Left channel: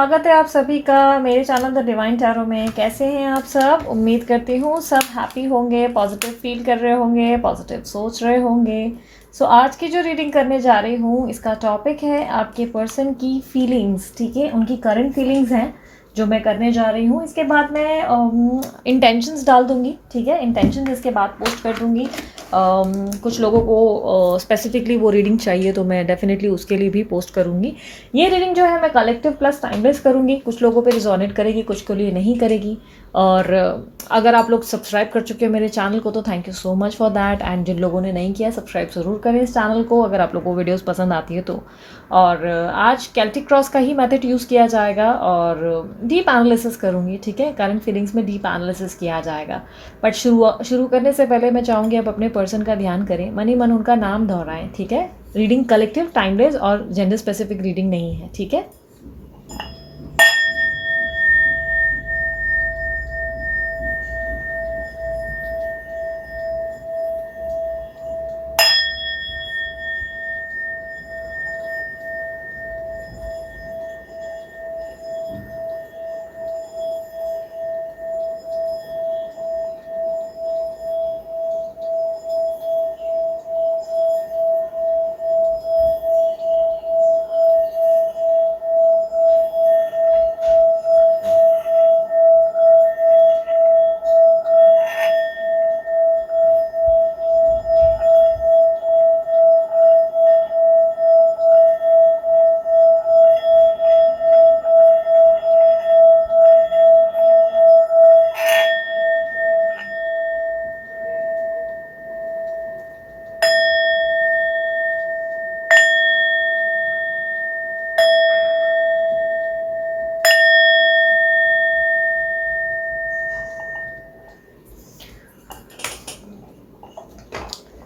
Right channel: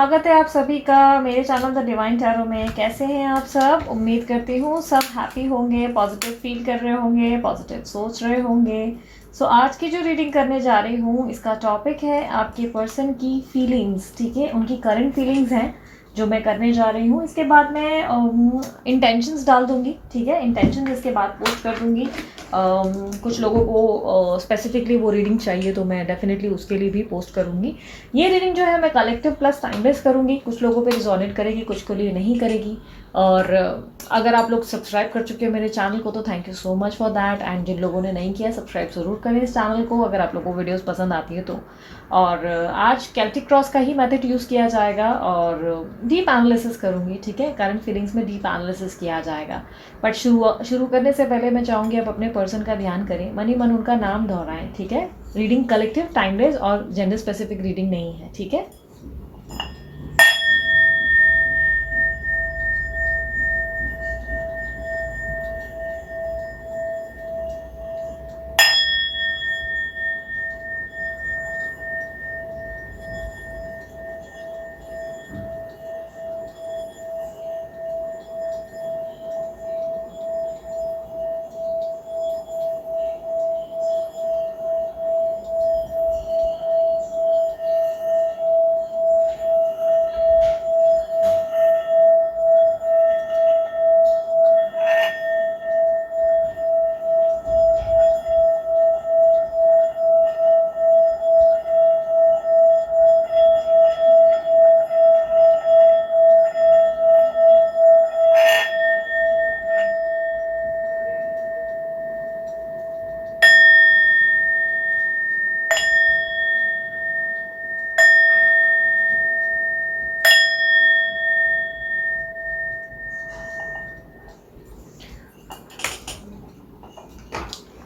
स्वागत है आप सभी का मेरे चैनल द डिवाइन टैरो में। कैसे हैं आप सब? उम्मीद करती हूँ सब हैप्पी होंगे, पॉजिटिव फील कर रहे होंगे, पॉजिटिव सोच रहे होंगे। आज की जो रीडिंग करने जा रही हूँ इसका टॉपिक है आपके पर्सन की फीलिंग्स। ठीक है, उनकी करंट फीलिंग्स हैं जो मैं करने जा रही हूँ। इसके बाद मैं इंटेंशंस डाल दूँगी। ठीक है, इंटेंशंस इसके बाद पोस्ट कर दूँगी। कुछ लोगों को स्पेसिफिकली वो रीडिंग चाहिए तो मैं डेफिनेटली उसके लिए भी पोस्ट करूँगी। ये रीडिंग जो है मैं कलेक्टिव प्लस टाइमलेस करूँगी। कुछ लोगों पे रिजोनेट करेगी, कुछ के लिए नहीं करेगी। और अगर आप लोग सब्सक्राइब कर चुके हैं मेरे चैनल को तो thank you so much for that. And जिन लोगों ने नहीं किया सब्सक्राइब ज़रूर करें इस चैनल को अगर आप लोगों को वीडियोस पसंद आती है तो। और आज कैल्टिक क्रॉस का ही मेथड यूज़ किया जाएगा और डीप एनालिसिस करूँगी। ठीक है, करंट फीलिंग्स में डीप एनालिसिस किया जाएगा। बट शुरू करने से पहले मैं चाहूँगी आप अपने पर्सन का ध्यान करें, मनी मन उनका नाम दोहराएं। ठीक है, रीडिंग कलेक्टिव टाइमलेस और जेंडर स्पेसिफिक रीडिंग नहीं है। ठीक है,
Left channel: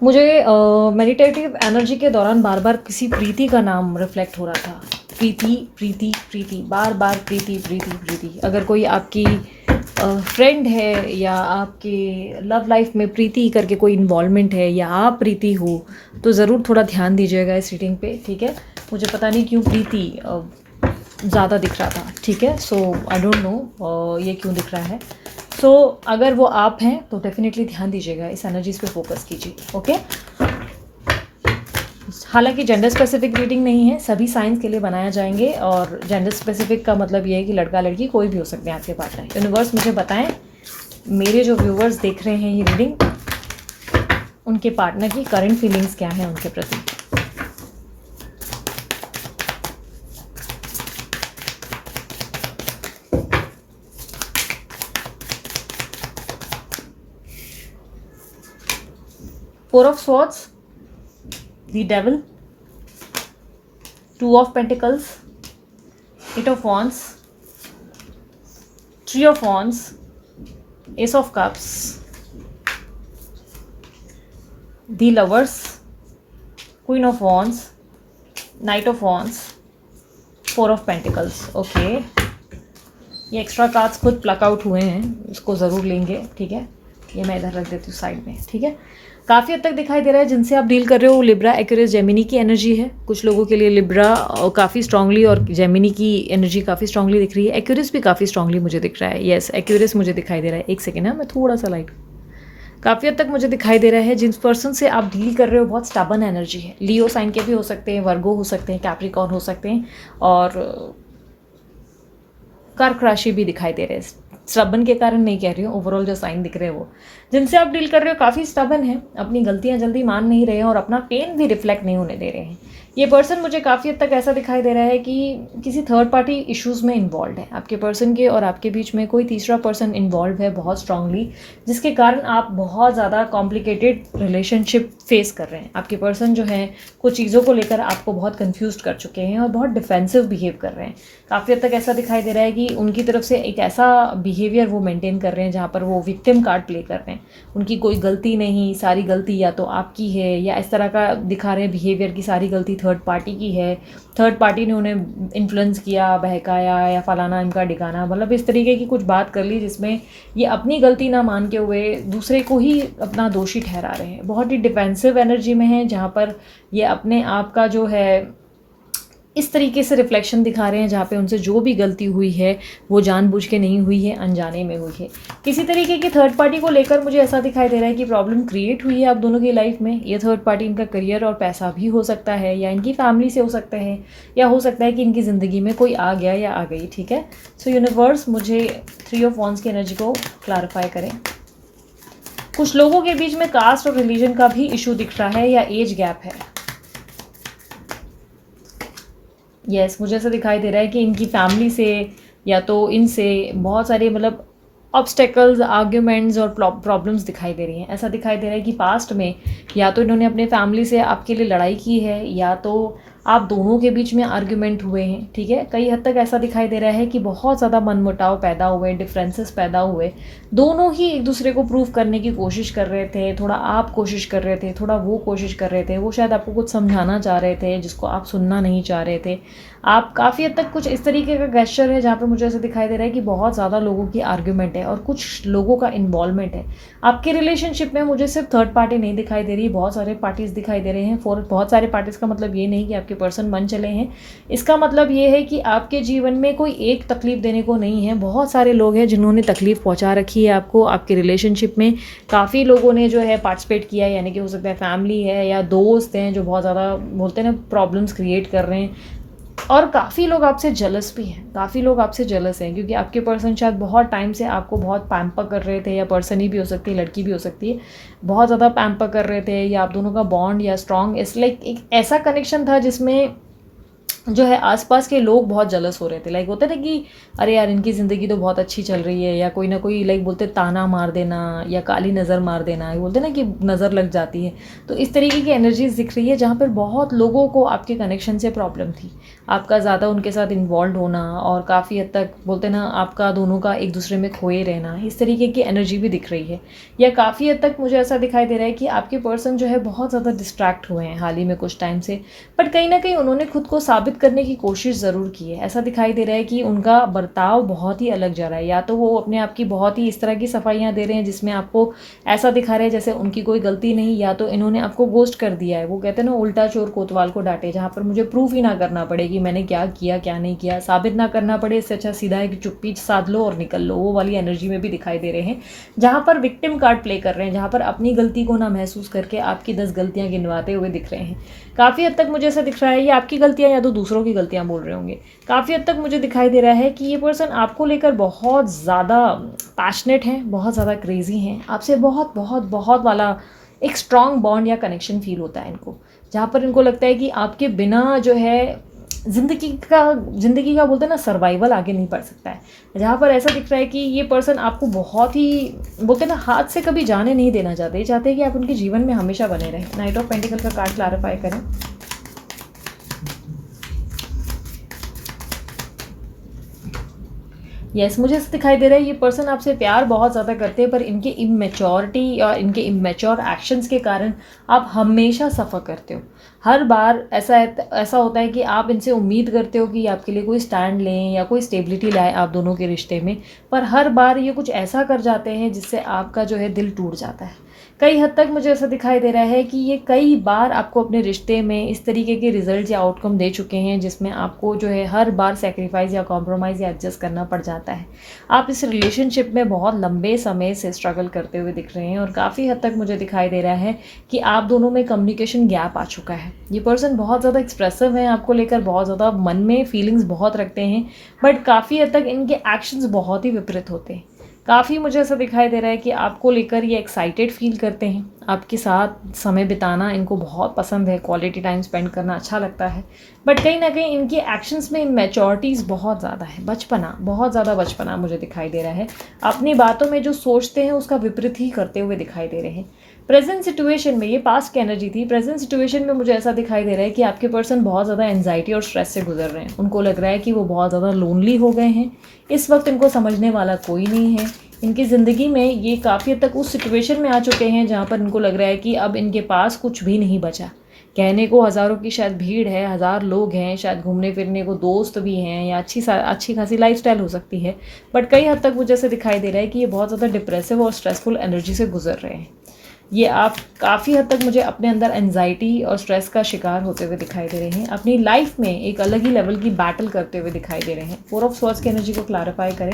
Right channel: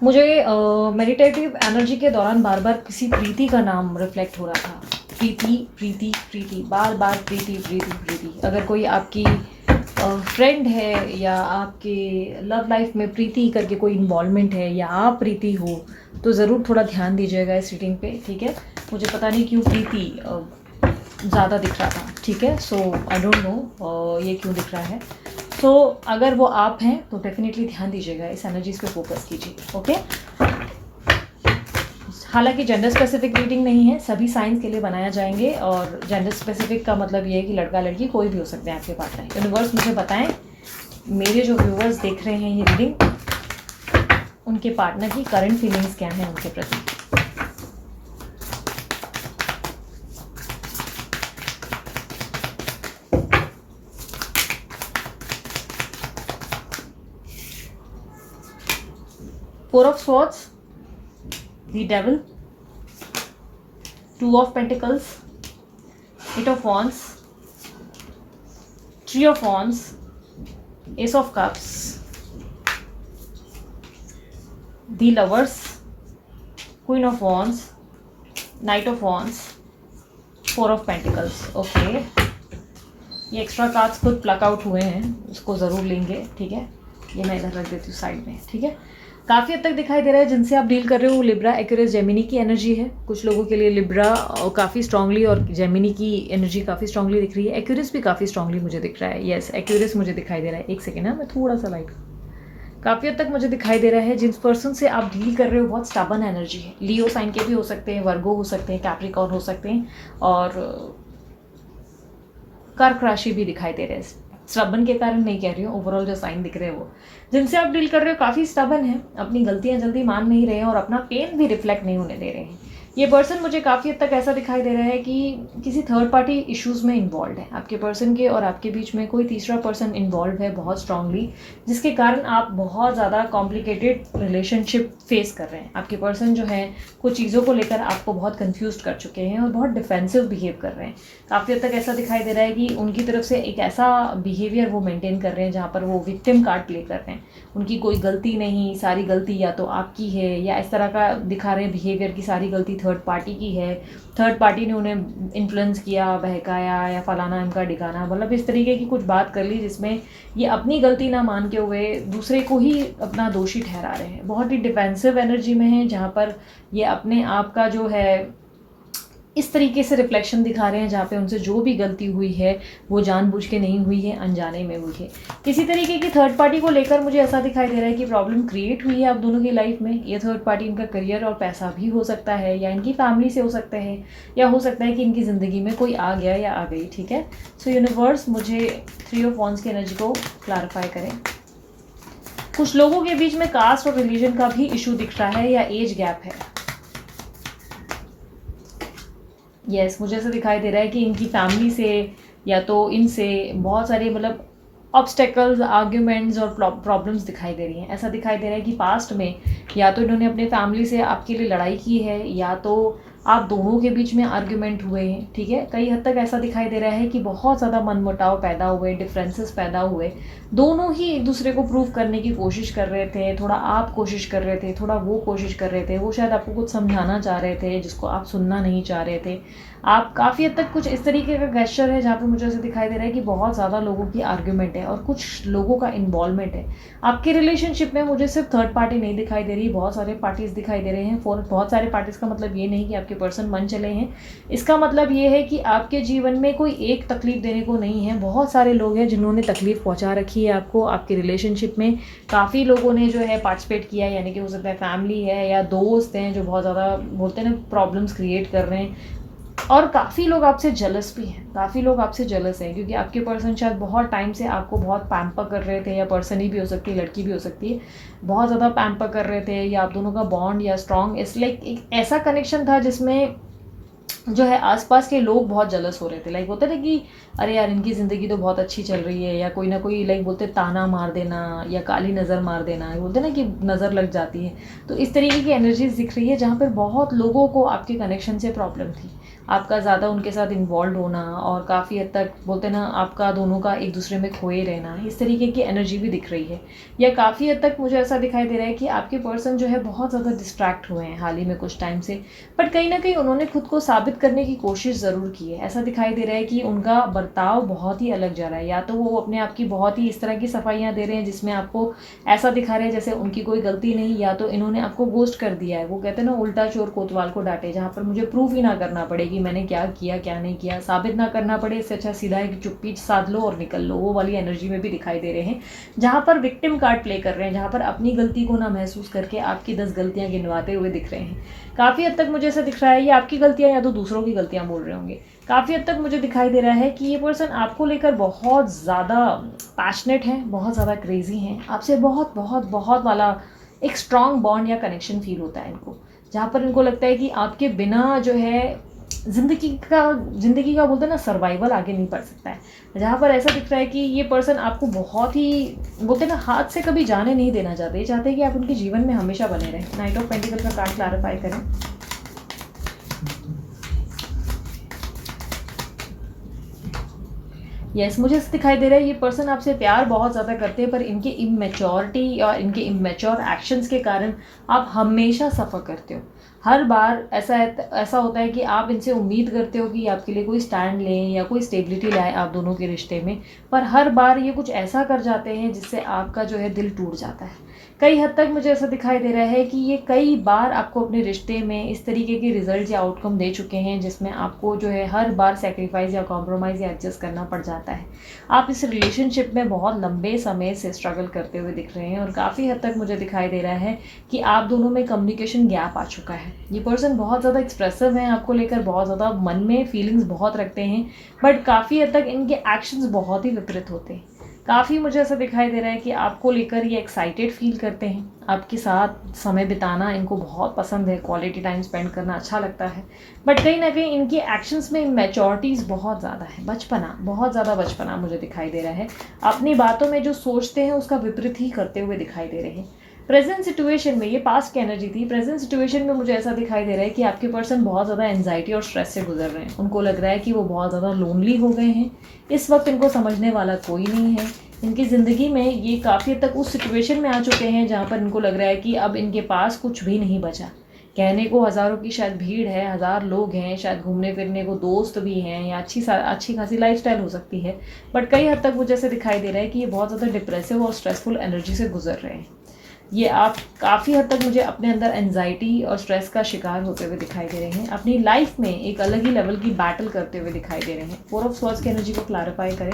मुझे मेडिटेटिव एनर्जी के दौरान बार बार किसी प्रीति का नाम रिफ्लेक्ट हो रहा था। प्रीति प्रीति प्रीति, बार बार प्रीति प्रीति प्रीति। अगर कोई आपकी फ्रेंड है या आपके लव लाइफ में प्रीति करके कोई इन्वॉल्वमेंट है या आप प्रीति हो तो ज़रूर थोड़ा ध्यान दीजिएगा इस रीडिंग पे। ठीक है, मुझे पता नहीं क्यों प्रीति ज़्यादा दिख रहा था। ठीक है, सो आई डोंट नो ये क्यों दिख रहा है। सो अगर वो आप हैं तो डेफिनेटली ध्यान दीजिएगा, इस एनर्जीज पे फोकस कीजिए। ओके, हालांकि जेंडर स्पेसिफिक रीडिंग नहीं है, सभी साइंस के लिए बनाया जाएंगे और जेंडर स्पेसिफिक का मतलब ये है कि लड़का लड़की कोई भी हो सकते हैं आपके पार्टनर। यूनिवर्स मुझे बताएं, मेरे जो व्यूअर्स देख रहे हैं ये रीडिंग, उनके पार्टनर की करंट फीलिंग्स क्या है उनके प्रति। Four of Swords, the Devil, Two of Pentacles, Eight of Wands, Three of Wands, Ace of Cups, the Lovers, Queen of Wands, Knight of Wands, Four of Pentacles. Okay, ये extra cards खुद plug out हुए हैं, उसको ज़रूर लेंगे। ठीक है, ये मैं इधर रख देती हूँ साइड में। ठीक है, काफ़ी हद तक दिखाई दे रहा है जिनसे आप डील कर रहे हो लिब्रा, एक्यूरियस, जेमिनी की एनर्जी है। कुछ लोगों के लिए लिब्रा काफ़ी स्ट्रांगली और जेमिनी की एनर्जी काफ़ी स्ट्रांगली दिख रही है। एक्यूरियस भी काफ़ी स्ट्रांगली मुझे दिख रहा है। येस, एक्यूरियस मुझे दिखाई दे रहा है। एक सेकेंड है, मैं थोड़ा सा लाइट, काफ़ी हद तक मुझे दिखाई दे रहा है जिन पर्सन से आप डील कर रहे हो बहुत स्टबर्न एनर्जी है। लियो साइन के भी हो सकते हैं, वर्गो हो सकते हैं, कैप्रिकॉर्न हो सकते हैं और कर्क राशि भी दिखाई दे रहे हैं। स्टबन के कारण नहीं कह रही हूँ, ओवरऑल जो साइन दिख रहे हैं वो जिनसे आप डील कर रहे हो काफ़ी स्टबन है, अपनी गलतियाँ जल्दी मान नहीं रहे हैं और अपना पेन भी रिफ्लेक्ट नहीं होने दे रहे हैं। ये पर्सन मुझे काफ़ी हद तक ऐसा दिखाई दे रहा है कि किसी थर्ड पार्टी इश्यूज़ में इन्वॉल्व है। आपके पर्सन के और आपके बीच में कोई तीसरा पर्सन इन्वॉल्व है बहुत स्ट्रांगली, जिसके कारण आप बहुत ज़्यादा कॉम्प्लिकेटेड रिलेशनशिप फेस कर रहे हैं। आपके पर्सन जो है कुछ चीज़ों को लेकर आपको बहुत कन्फ्यूज कर चुके हैं और बहुत डिफेंसिव बिहेव कर रहे हैं। काफ़ी हद तक ऐसा दिखाई दे रहा है कि उनकी तरफ से एक ऐसा बिहेवियर वो मेंटेन कर रहे हैं जहाँ पर वो विक्टिम कार्ड प्ले कर रहे हैं। उनकी कोई गलती नहीं, सारी गलती या तो आपकी है या इस तरह का दिखा रहे हैं बिहेवियर की सारी गलती थर्ड पार्टी की है। थर्ड पार्टी ने उन्हें इन्फ्लुएंस किया, बहकाया या फलाना इनका डिगाना, मतलब इस तरीके की कुछ बात कर ली जिसमें ये अपनी गलती ना मान के हुए दूसरे को ही अपना दोषी ठहरा रहे हैं। बहुत ही डिफेंसिव एनर्जी में है जहाँ पर ये अपने आप का जो है इस तरीके से रिफ्लेक्शन दिखा रहे हैं जहाँ पे उनसे जो भी गलती हुई है वो जानबूझ के नहीं हुई है, अनजाने में हुई है। किसी तरीके की थर्ड पार्टी को लेकर मुझे ऐसा दिखाई दे रहा है कि प्रॉब्लम क्रिएट हुई है आप दोनों की लाइफ में। ये थर्ड पार्टी इनका करियर और पैसा भी हो सकता है, या इनकी फैमिली से हो सकता है, या हो सकता है कि इनकी ज़िंदगी में कोई आ गया या आ गई। ठीक है, सो यूनिवर्स मुझे 3 ऑफ वॉन्ड्स की एनर्जी को क्लैरिफाई करें। कुछ लोगों के बीच में कास्ट और रिलीजन का भी इशू दिख रहा है, या एज गैप है। यस, मुझे ऐसा दिखाई दे रहा है कि इनकी फैमिली से या तो इनसे बहुत सारे मतलब ऑब्स्टेकल्स, आर्ग्यूमेंट्स और प्रॉब्लम्स दिखाई दे रही हैं। ऐसा दिखाई दे रहा है कि पास्ट में या तो इन्होंने अपने फैमिली से आपके लिए लड़ाई की है, या तो आप दोनों के बीच में आर्ग्यूमेंट हुए हैं। ठीक है, कई हद तक ऐसा दिखाई दे रहा है कि बहुत ज़्यादा मनमुटाव पैदा हुए, डिफरेंसेस पैदा हुए। दोनों ही एक दूसरे को प्रूव करने की कोशिश कर रहे थे, थोड़ा आप कोशिश कर रहे थे, थोड़ा वो कोशिश कर रहे थे। वो शायद आपको कुछ समझाना चाह रहे थे जिसको आप सुनना नहीं चाह रहे थे। आप काफ़ी हद तक कुछ इस तरीके का गेस्चर है जहाँ पे मुझे ऐसे दिखाई दे रहा है कि बहुत ज़्यादा लोगों की आर्ग्यूमेंट है और कुछ लोगों का इन्वॉल्वमेंट है आपके रिलेशनशिप में। मुझे सिर्फ थर्ड पार्टी नहीं दिखाई दे रही, बहुत सारे पार्टीज़ दिखाई दे रहे हैं। बहुत सारे पार्टीज़ का मतलब ये नहीं कि आपके पर्सन मन चले हैं। इसका मतलब ये है कि आपके जीवन में कोई एक तकलीफ देने को नहीं है, बहुत सारे लोग हैं जिन्होंने तकलीफ पहुँचा रखी है आपको। आपके रिलेशनशिप में काफ़ी लोगों ने जो है पार्टिसिपेट किया है, यानी कि हो सकता है फैमिली है या दोस्त हैं जो बहुत ज़्यादा बोलते हैं ना प्रॉब्लम्स क्रिएट कर रहे हैं। और काफ़ी लोग आपसे जलस भी हैं, काफ़ी लोग आपसे जलस हैं क्योंकि आपके पर्सन शायद बहुत टाइम से आपको बहुत पैम्पर कर रहे थे, या पर्सन ही भी हो सकती है, लड़की भी हो सकती है, बहुत ज़्यादा पैम्पर कर रहे थे, या आप दोनों का बॉन्ड या स्ट्रॉन्ग इस लाइक एक ऐसा कनेक्शन था जिसमें जो है आसपास के लोग बहुत जलस हो रहे थे। लाइक होते ना कि अरे यार इनकी ज़िंदगी तो बहुत अच्छी चल रही है, या कोई ना कोई लाइक बोलते ताना मार देना या काली नज़र मार देना, बोलते ना कि नज़र लग जाती है। तो इस तरीके की एनर्जीज दिख रही है जहाँ पर बहुत लोगों को आपके कनेक्शन से प्रॉब्लम थी, आपका ज़्यादा उनके साथ इन्वॉल्व होना, और काफ़ी हद तक बोलते ना आपका दोनों का एक दूसरे में खोए रहना, इस तरीके की एनर्जी भी दिख रही है। या काफ़ी हद तक मुझे ऐसा दिखाई दे रहा है कि आपके पर्सन जो है बहुत ज़्यादा डिस्ट्रैक्ट हुए हैं हाल ही में कुछ टाइम से, बट कहीं ना कहीं उन्होंने खुद को साबित करने की कोशिश ज़रूर की है। ऐसा दिखाई दे रहा है कि उनका बर्ताव बहुत ही अलग जा रहा है, या तो वो अपने आप की बहुत ही इस तरह की सफाइयाँ दे रहे हैं जिसमें आपको ऐसा दिखा रहे हैं जैसे उनकी कोई गलती नहीं, या तो इन्होंने आपको गोस्ट कर दिया है। वो कहते हैं ना उल्टा चोर कोतवाल को डांटे, जहाँ पर मुझे प्रूफ ही ना करना पड़े कि मैंने क्या किया क्या नहीं किया, साबित ना करना पड़े, इससे अच्छा सीधा है कि चुप्पी साध लो और निकल लो। वो वाली एनर्जी में भी दिखाई दे रहे हैं जहाँ पर विक्टिम कार्ड प्ले कर रहे हैं, जहाँ पर अपनी गलती को ना महसूस करके आपकी 10 गलतियाँ गिनवाते हुए दिख रहे हैं। काफ़ी हद तक मुझे ऐसा दिख रहा है ये आपकी गलतियाँ या तो दूसरों की गलतियाँ बोल रहे होंगे। काफ़ी हद तक मुझे दिखाई दे रहा है कि ये पर्सन आपको लेकर बहुत ज़्यादा पैशनेट हैं, बहुत ज़्यादा क्रेजी हैं, आपसे बहुत बहुत बहुत वाला एक स्ट्रॉन्ग बॉन्ड या कनेक्शन फील होता है इनको, जहाँ पर इनको लगता है कि आपके बिना जो है ज़िंदगी का बोलते हैं ना सर्वाइवल आगे नहीं बढ़ सकता है। जहाँ पर ऐसा दिख रहा है कि ये पर्सन आपको बहुत ही बोलते हैं ना हाथ से कभी जाने नहीं देना चाहते, ये चाहते हैं कि आप उनके जीवन में हमेशा बने रहें। नाइट ऑफ पेंटिकल का कार्ड क्लैरिफाई करें। यस, मुझे ऐसा दिखाई दे रहा है ये पर्सन आपसे प्यार बहुत ज़्यादा करते हैं, पर इनकी इमेच्योरिटी या इनके इमेच्योर एक्शंस के कारण आप हमेशा सफ़र करते हो। हर बार ऐसा होता है कि आप इनसे उम्मीद करते हो कि आपके लिए कोई स्टैंड लें या कोई स्टेबिलिटी लाए आप दोनों के रिश्ते में, पर हर बार ये कुछ ऐसा कर जाते हैं जिससे आपका जो है दिल टूट जाता है। कई हद तक मुझे ऐसा दिखाई दे रहा है कि ये कई बार आपको अपने रिश्ते में इस तरीके के रिजल्ट या आउटकम दे चुके हैं जिसमें आपको जो है हर बार सेक्रीफाइस या कॉम्प्रोमाइज़ या एडजस्ट करना पड़ जाता है। आप इस रिलेशनशिप में बहुत लंबे समय से स्ट्रगल करते हुए दिख रहे हैं, और काफ़ी हद तक मुझे दिखाई दे रहा है कि आप दोनों में कम्युनिकेशन गैप आ चुका है। ये पर्सन बहुत ज़्यादा एक्सप्रेसिव है आपको लेकर, बहुत ज़्यादा मन में फीलिंग्स बहुत रखते हैं, बट काफ़ी हद तक इनके एक्शंस बहुत ही विपरीत होते हैं। काफ़ी मुझे ऐसा दिखाई दे रहा है कि आपको लेकर ये एक्साइटेड फील करते हैं, आपके साथ समय बिताना इनको बहुत पसंद है, क्वालिटी टाइम स्पेंड करना अच्छा लगता है, बट कहीं ना कहीं इनकी एक्शंस में मैच्योरिटीज़ बहुत ज़्यादा है, बचपना, बहुत ज़्यादा बचपना मुझे दिखाई दे रहा है। अपनी बातों में जो सोचते हैं उसका विपरीत ही करते हुए दिखाई दे रहे हैं। प्रेजेंट सिचुएशन में, ये पास्ट की एनर्जी थी, प्रेजेंट सिचुएशन में मुझे ऐसा दिखाई दे रहा है कि आपके पर्सन बहुत ज़्यादा एंजाइटी और स्ट्रेस से गुजर रहे हैं। उनको लग रहा है कि वो बहुत ज़्यादा लोनली हो गए हैं, इस वक्त इनको समझने वाला कोई नहीं है। इनकी ज़िंदगी में ये काफ़ी हद तक उस सिचुएशन में आ चुके हैं जहाँ पर इनको लग रहा है कि अब इनके पास कुछ भी नहीं बचा। कहने को हज़ारों की शायद भीड़ है, हज़ार लोग हैं, शायद घूमने फिरने को दोस्त भी हैं, या अच्छी खासी लाइफस्टाइल हो सकती है, बट कई हद तक मुझे ऐसा दिखाई दे रहा है कि ये बहुत ज़्यादा डिप्रेसिव और स्ट्रेसफुल एनर्जी से गुजर रहे हैं। ये आप काफ़ी हद तक मुझे अपने अंदर एंजाइटी और स्ट्रेस का शिकार होते हुए दिखाई दे रहे हैं। अपनी लाइफ में एक अलग ही लेवल की बैटल करते हुए दिखाई दे रहे हैं। 4 ऑफ स्वॉर्ड्स की एनर्जी को क्लैरिफाई करें।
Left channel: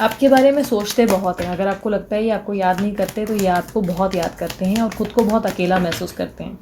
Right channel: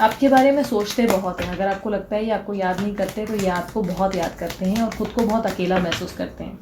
आपके बारे में सोचते बहुत हैं। अगर आपको लगता है ये आपको याद नहीं करते तो ये आपको बहुत याद करते हैं और खुद को बहुत अकेला महसूस करते हैं।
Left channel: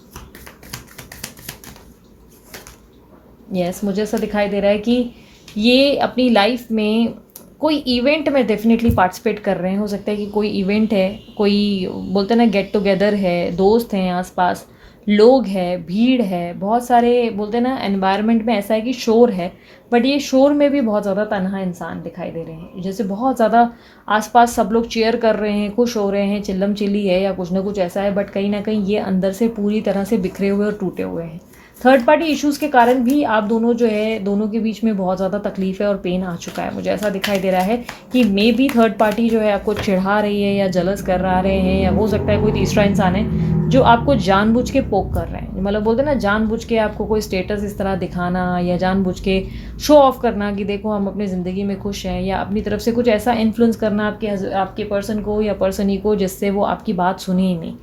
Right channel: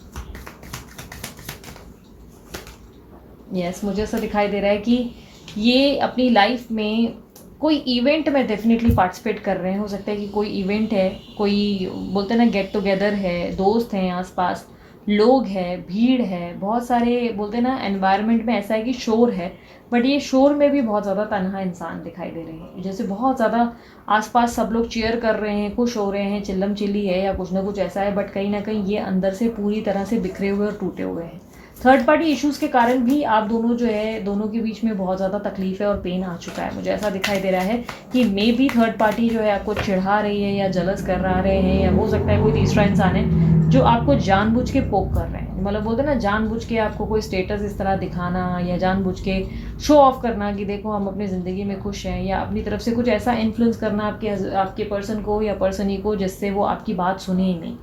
यस, मुझे ऐसा दिखाई दे रहा है कि ये अपनी लाइफ में कोई इवेंट में डेफिनेटली पार्टिसिपेट कर रहे हैं। हो सकता है कि कोई इवेंट है, कोई बोलते हैं ना गेट टुगेदर है, दोस्त हैं आसपास, लोग हैं, भीड़ है, बहुत सारे बोलते हैं ना एनवायरनमेंट में ऐसा है कि शोर है। बट ये शोर में भी बहुत ज़्यादा तन्हा इंसान दिखाई दे रहे हैं। जैसे बहुत ज़्यादा आसपास सब लोग चीयर कर रहे हैं, खुश हो रहे हैं, चिल्लम चिल्ली है या कुछ ना कुछ ऐसा है, बट कहीं ना कहीं ये अंदर से पूरी तरह से बिखरे हुए और टूटे हुए हैं। थर्ड पार्टी इश्यूज़ के कारण भी आप दोनों जो है, दोनों के बीच में बहुत ज़्यादा तकलीफ है और पेन आ चुका है। मुझे ऐसा दिखाई दे रहा है कि मे बी थर्ड पार्टी जो है आपको चिढ़ा रही है या जलस कर रहे हैं, या हो सकता है कोई तीसरा इंसान है जो आपको जानबूझ के पोक कर रहे हैं। मतलब बोलते हैं ना, जानबूझ के आपको कोई स्टेटस इस तरह दिखाना या जानबूझ के शो ऑफ करना कि देखो हम अपनी ज़िंदगी में खुश हैं, या अपनी तरफ से कुछ ऐसा इन्फ्लुएंस करना आपके पर्सन को या पर्सन ही को जिससे वो आपकी बात सुने ही नहीं।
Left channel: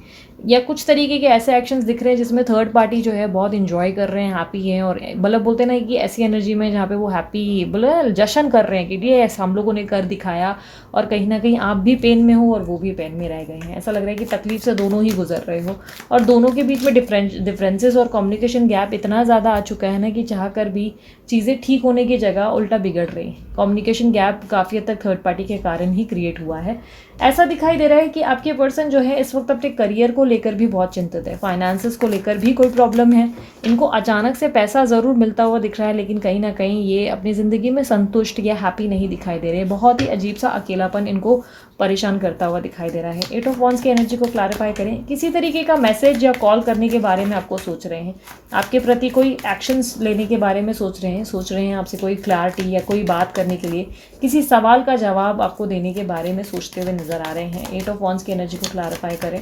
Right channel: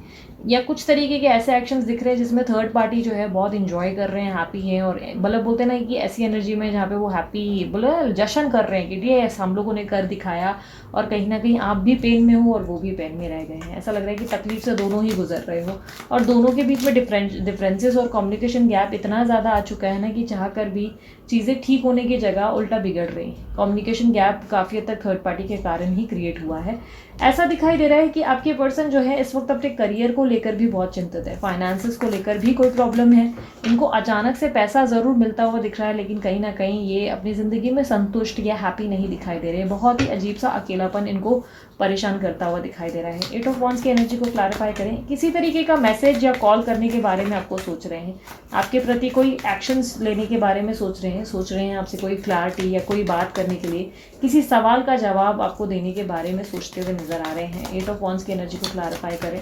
या कुछ तरीके के ऐसे एक्शंस दिख रहे हैं जिसमें थर्ड पार्टी जो है बहुत इंजॉय कर रहे हैं, हैप्पी हैं, और मतलब बोलते हैं ना कि ऐसी एनर्जी में जहाँ पे वो हैप्पी बोले जश्न कर रहे हैं कि ये हम लोगों ने कर दिखाया, और कहीं ना कहीं आप भी पेन में हो और वो भी पेन में रह गए हैं। ऐसा लग रहा है कि तकलीफ से दोनों ही गुजर रहे हो, और दोनों के बीच में डिफरेंसेस और कम्युनिकेशन गैप इतना ज़्यादा आ चुका है ना कि चाह कर भी चीज़ें ठीक होने की जगह उल्टा बिगड़ रही। कम्युनिकेशन गैप काफ़ी हद तक थर्ड पार्टी के कारण ही क्रिएट हुआ है। ऐसा दिखाई दे रहा है कि आपके पर्सन जो है इस वक्त अपने करियर को लेकर भी बहुत चिंतित है, फाइनेंसेस को लेकर भी कोई प्रॉब्लम है। इनको अचानक से पैसा ज़रूर मिलता हुआ दिख रहा है, लेकिन कहीं ना कहीं ये अपनी ज़िंदगी में संतुष्ट या हैप्पी नहीं दिखाई दे रहे। बहुत ही अजीब सा अकेलापन इनको परेशान करता हुआ दिखाई दे रहा है। 8 ऑफ वॉन्ड्स की एनर्जी को क्लैरिफाई करें। किसी तरीके का मैसेज या कॉल करने के बारे में आपको सोच रहे हैं, आपके प्रति कोई एक्शंस लेने के बारे में सोच रहे हैं आपसे कोई क्लैरिटी या कोई बात करने के लिए, किसी सवाल का जवाब आपको देने के बारे में सोचते हुए नजर आ रहे हैं। 8 ऑफ वॉन्ड्स की एनर्जी को क्लैरिफाई करें।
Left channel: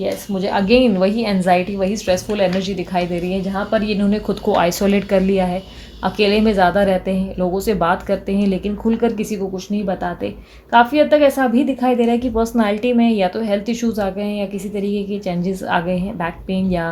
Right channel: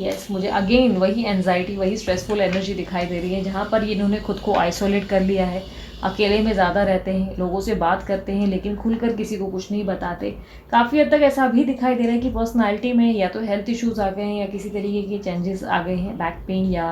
यस, मुझे अगेन वही एनजाइटी, वही स्ट्रेसफुल एनर्जी दिखाई दे रही है, जहाँ पर इन्होंने खुद को आइसोलेट कर लिया है, अकेले में ज़्यादा रहते हैं, लोगों से बात करते हैं लेकिन खुलकर किसी को कुछ नहीं बताते। काफ़ी हद तक ऐसा भी दिखाई दे रहा है कि पर्सनालिटी में या तो हेल्थ इश्यूज़ आ गए हैं, या किसी तरीके के चेंजेस आ गए हैं, बैक पेन या